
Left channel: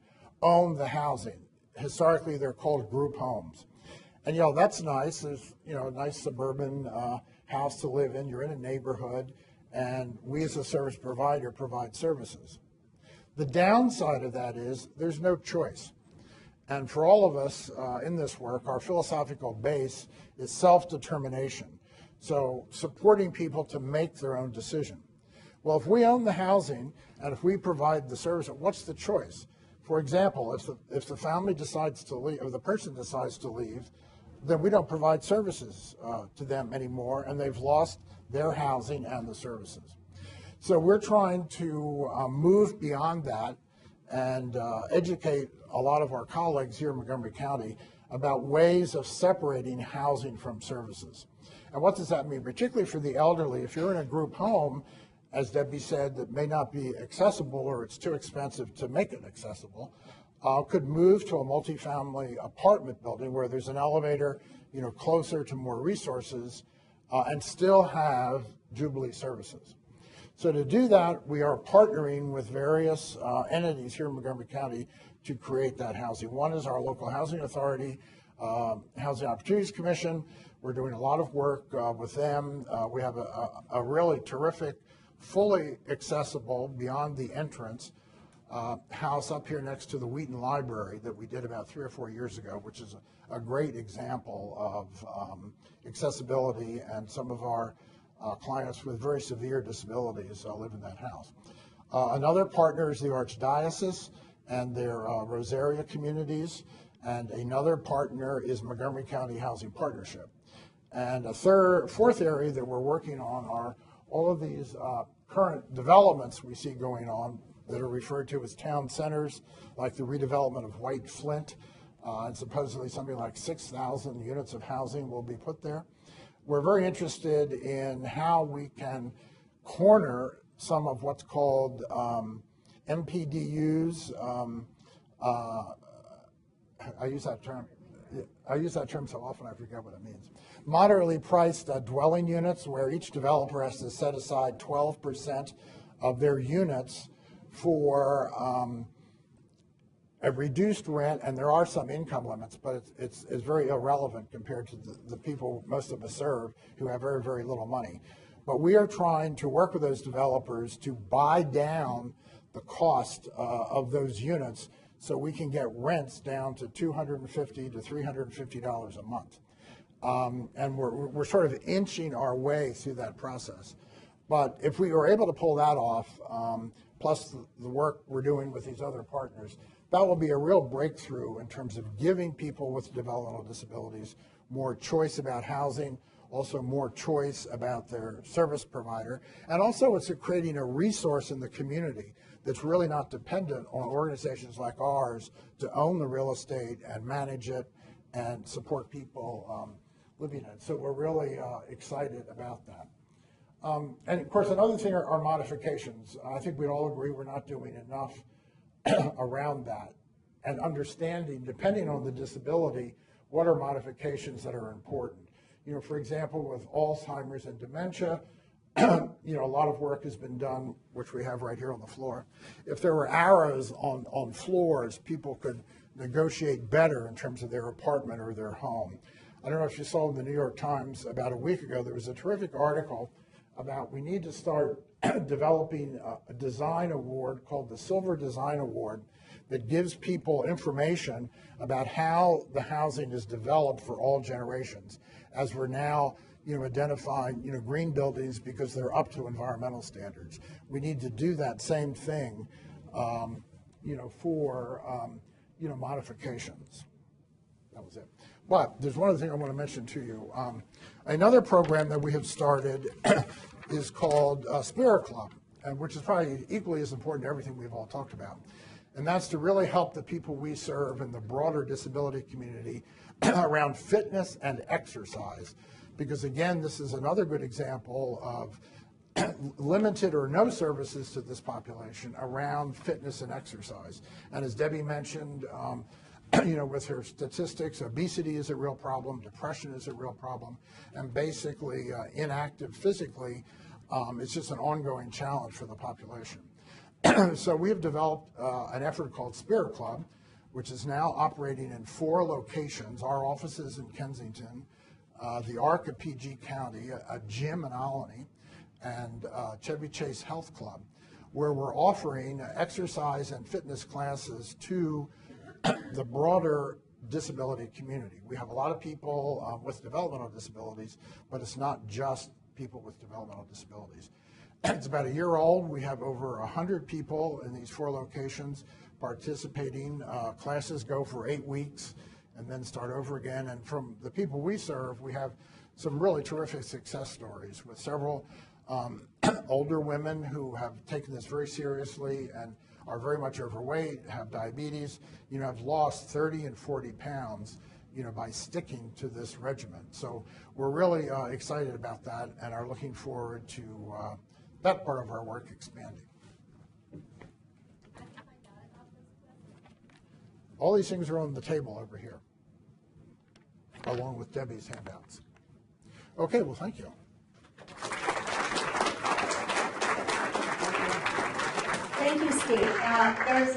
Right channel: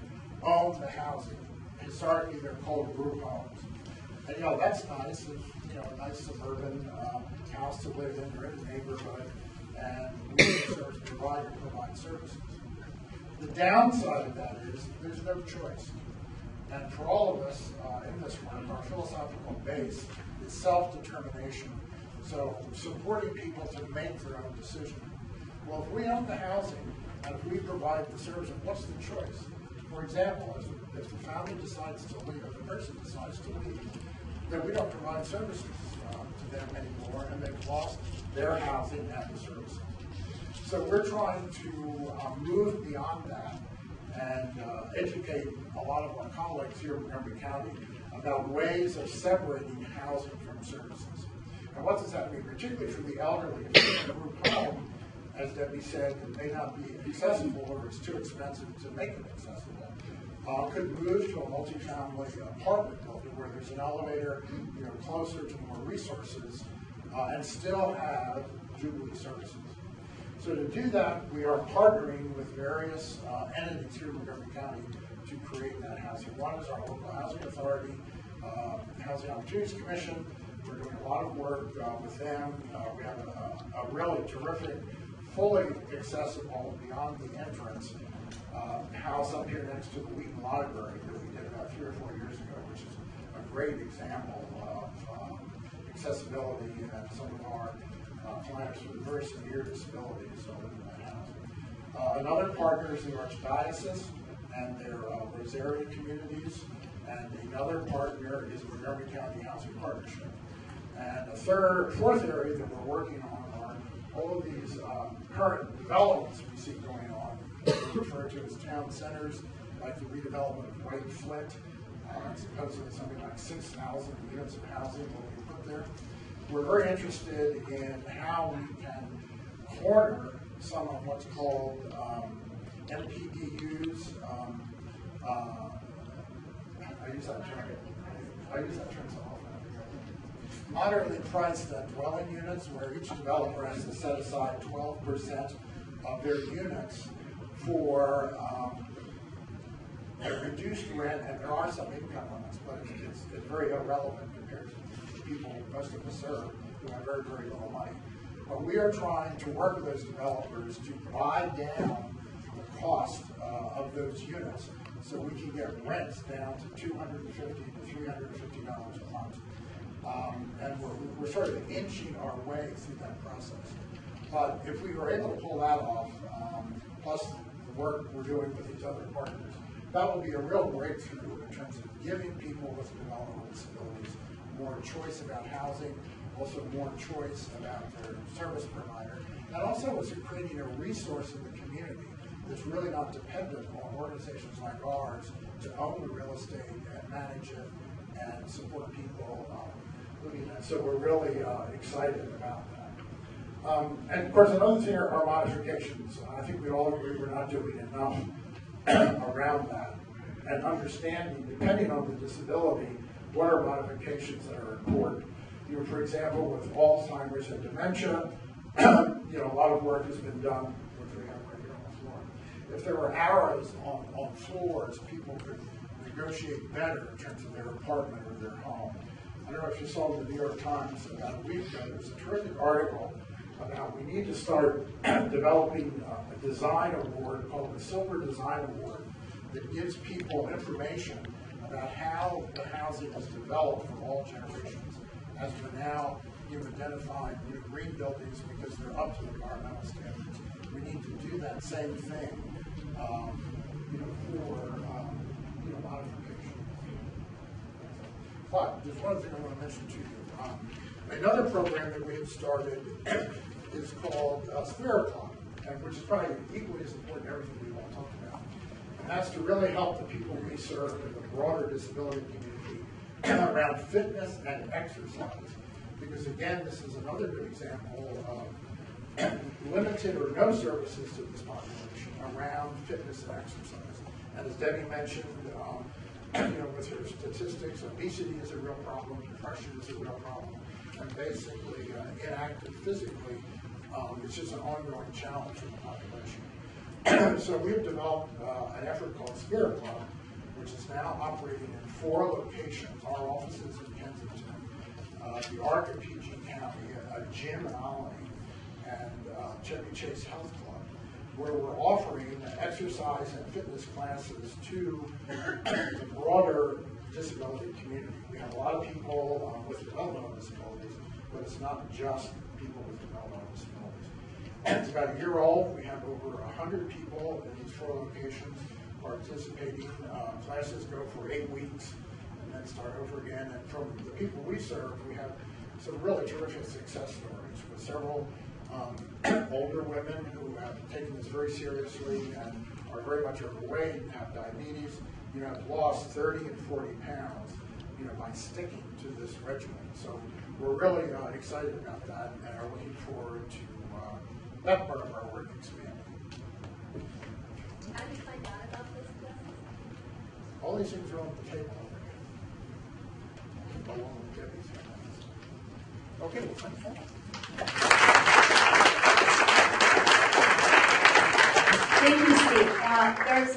own the housing. Historically, they're called group homes. And that's nice. It's, nice suburban house to live in. You're in a neighborhood, and we as a service provider provide services. The downside of that is there's no choice. And for all of us in this work, our philosophical base is self-determination. So supporting people to make their own decision. Well, if we own the housing and if we provide the service, what's the choice? For example, if the family decides to leave, or the person decides to leave, then we don't provide services to them anymore, and they've lost their housing and the services. So we're trying to move beyond that and educate a lot of our colleagues here in Montgomery County about ways of separating housing from services. And what does that mean? Particularly for the elderly, if you're in a group home, as Debbie said, that may not be accessible or it's too expensive to make it accessible, could move to a multifamily apartment building where there's an elevator, closer to more resources, and still have Jubilee services. So to do that, we are partnering with various entities here in Montgomery County to create that housing. One is our local housing authority, Housing Opportunities Commission. We're doing a lot of work with them. We have a really terrific, fully accessible, beyond the entrance, house up here next to the Wheaton Library that we did about 3 or 4 years ago, which is a great example of accessibility, and some of our clients with very severe disabilities live in that house. Another partner is the Archdiocese and their Rosaria communities, and another partner is Montgomery County Housing Partnership. And a fourth area that we're working on are all of these current developments we see going on that are referred to as town centers, like the redevelopment of White Flint, and supposedly something like 6,000 units of housing will be put there. We're very interested in how we can corner some of what's called MPDUs. I use that term so often I forget what it means. Moderately priced dwelling units, where each developer has to set aside 12% of their units for a reduced rent, and there are some income limits, but it's very irrelevant compared to the people most of us serve who have very, very little money. But we are trying to work with those developers to buy down the cost of those units so we can get rents down to $250 to $350 a month. And we're sort of inching our way through that process. But if we were able to pull that off, plus the work we're doing with these other partners, that will be a real breakthrough in terms of giving people with developmental disabilities more choice about housing, also more choice about their service provider, and also it's creating a resource in the community that's really not dependent on organizations like ours to own the real estate and manage it and support people living in it. So we're really excited about that. And of course, another thing are modifications. I think we all agree we're not doing enough around that, and understanding, depending on the disability, what are modifications that are important. For example, with Alzheimer's and dementia, a lot of work has been done, which we have right here on the floor. If there were arrows on floors, people could negotiate better in terms of their apartment or their home. I don't know if you saw in the New York Times about a week ago, there was a terrific article about we need to start developing a design award called the Silver Design Award that gives people information about how the housing is developed for all generations, as we're now identifying green buildings because they're up to environmental standards. We need to do that same thing for modifications. But there's one other thing I want to mention to you. Another program that we have started is called Spirit Club, and which is probably equally as important to everything we've all talked about. And that's to really help the people we serve in the broader disability community around fitness and exercise. because again, this is another good example of limited or no services to this population around fitness and exercise. And as Debbie mentioned, with her statistics, obesity is a real problem, depression is a real problem, and basically inactive physically is just an ongoing challenge for the population. So we have developed an effort called Spirit Club, which is now operating in 4 locations, our offices in Kensington, the ARC of PG County, a gym in Olney, and Chevy Chase Health Club, where we're offering exercise and fitness classes to the broader disability community. We have a lot of people with developmental disabilities, but it's not just people with developmental disabilities. It's about a year old. We have over 100 people in these 4 locations participating. Classes go for 8 weeks and then start over again. And from the people we serve, we have some really terrific success stories with several older women who have taken this very seriously and are very much overweight, have diabetes, have lost 30 and 40 pounds, by sticking to this regimen. So we're really excited about that and are looking forward to that part of our work expanding. How did you find out about this? All these things are on the table over here, along with Debbie's handouts. Okay, well, thank you. Thank you, Steve. There's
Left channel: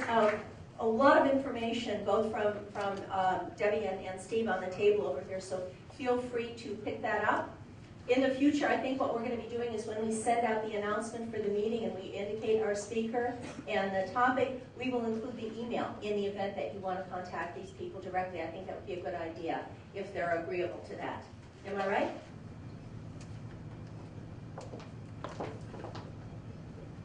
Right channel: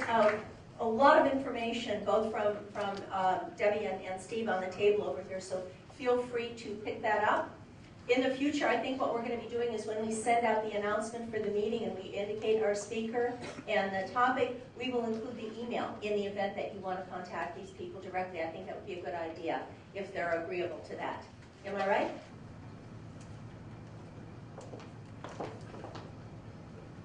a lot of information, both from Debbie and Steve on the table over here, so feel free to pick that up. In the future, I think what we're going to be doing is when we send out the announcement for the meeting and we indicate our speaker and the topic, we will include the email in the event that you want to contact these people directly. I think that would be a good idea if they're agreeable to that. Am I right?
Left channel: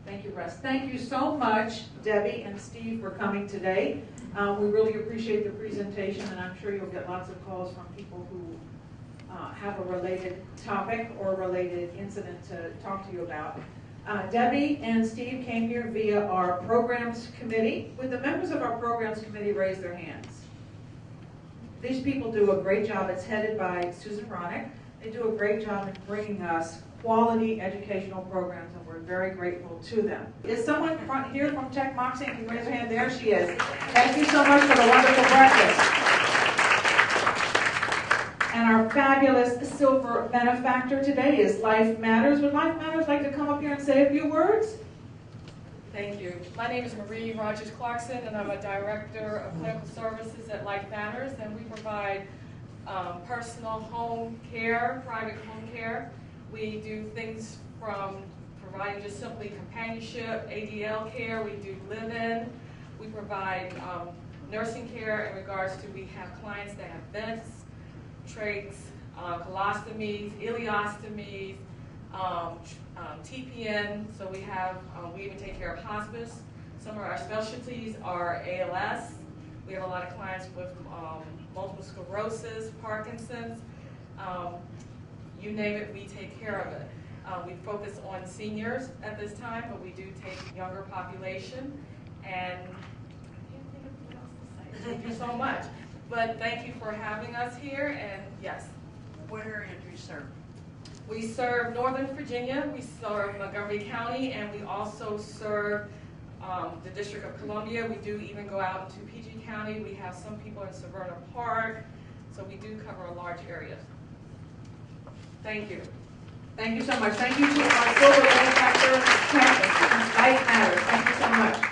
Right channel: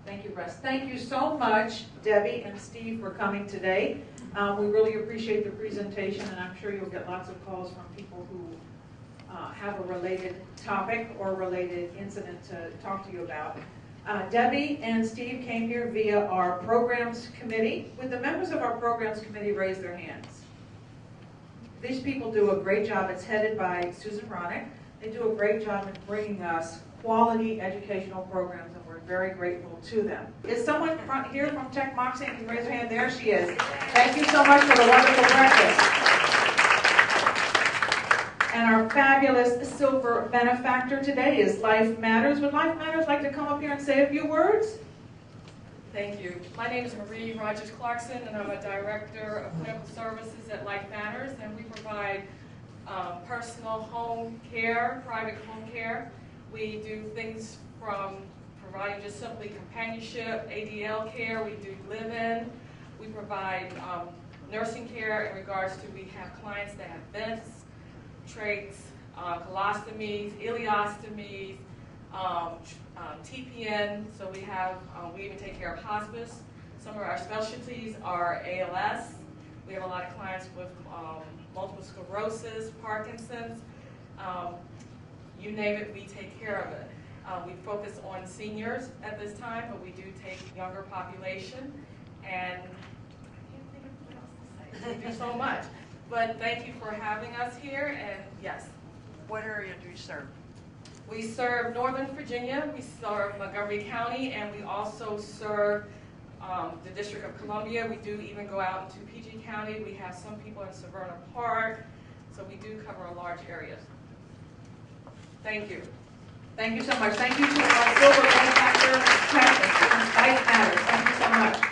Thank you, Russ. Thank you so much, Debbie and Steve, for coming today. We really appreciate the presentation, and I'm sure you'll get lots of calls from people who have a related topic or related incident to talk to you about. Debbie and Steve came here via our programs committee. Would the members of our programs committee raise their hands? These people do a great job. It's headed by Susan Ronick. They do a great job in bringing us quality educational programs, and we're very grateful to them. Is someone here from Tech Moxie? Can you raise your hand? There she is. Thank you so much for the wonderful breakfast. And our fabulous silver benefactor today is Life Matters. Would Life Matters like to come up here and say a few words? Thank you. My name is Marie Rogers-Clarkson, and I'm a director of clinical services at Life Matters, and we provide personal home care, private home care. We do things from providing just simply companionship, ADL care. We do live-in. We provide nursing care in regards to, we have clients that have vents, trachs, colostomies, ileostomies, TPN. So we have, we even take care of hospice. Some of our specialties are ALS. We have a lot of clients with multiple sclerosis, Parkinson's. You name it, we take care of it. We focus on seniors at this time, but we do take younger population. And I can't think of what else to say. Thank you so much. But thank you for having us here, and yes. What area do you serve? We serve Northern Virginia, we serve Montgomery County, and we also serve the District of Columbia. We do even go out into PG County. We have some people in Severna Park, so we do cover a large area. Thank you. Thank you so much. Thank you to our silver benefactor, Life Matters. Thank you so much.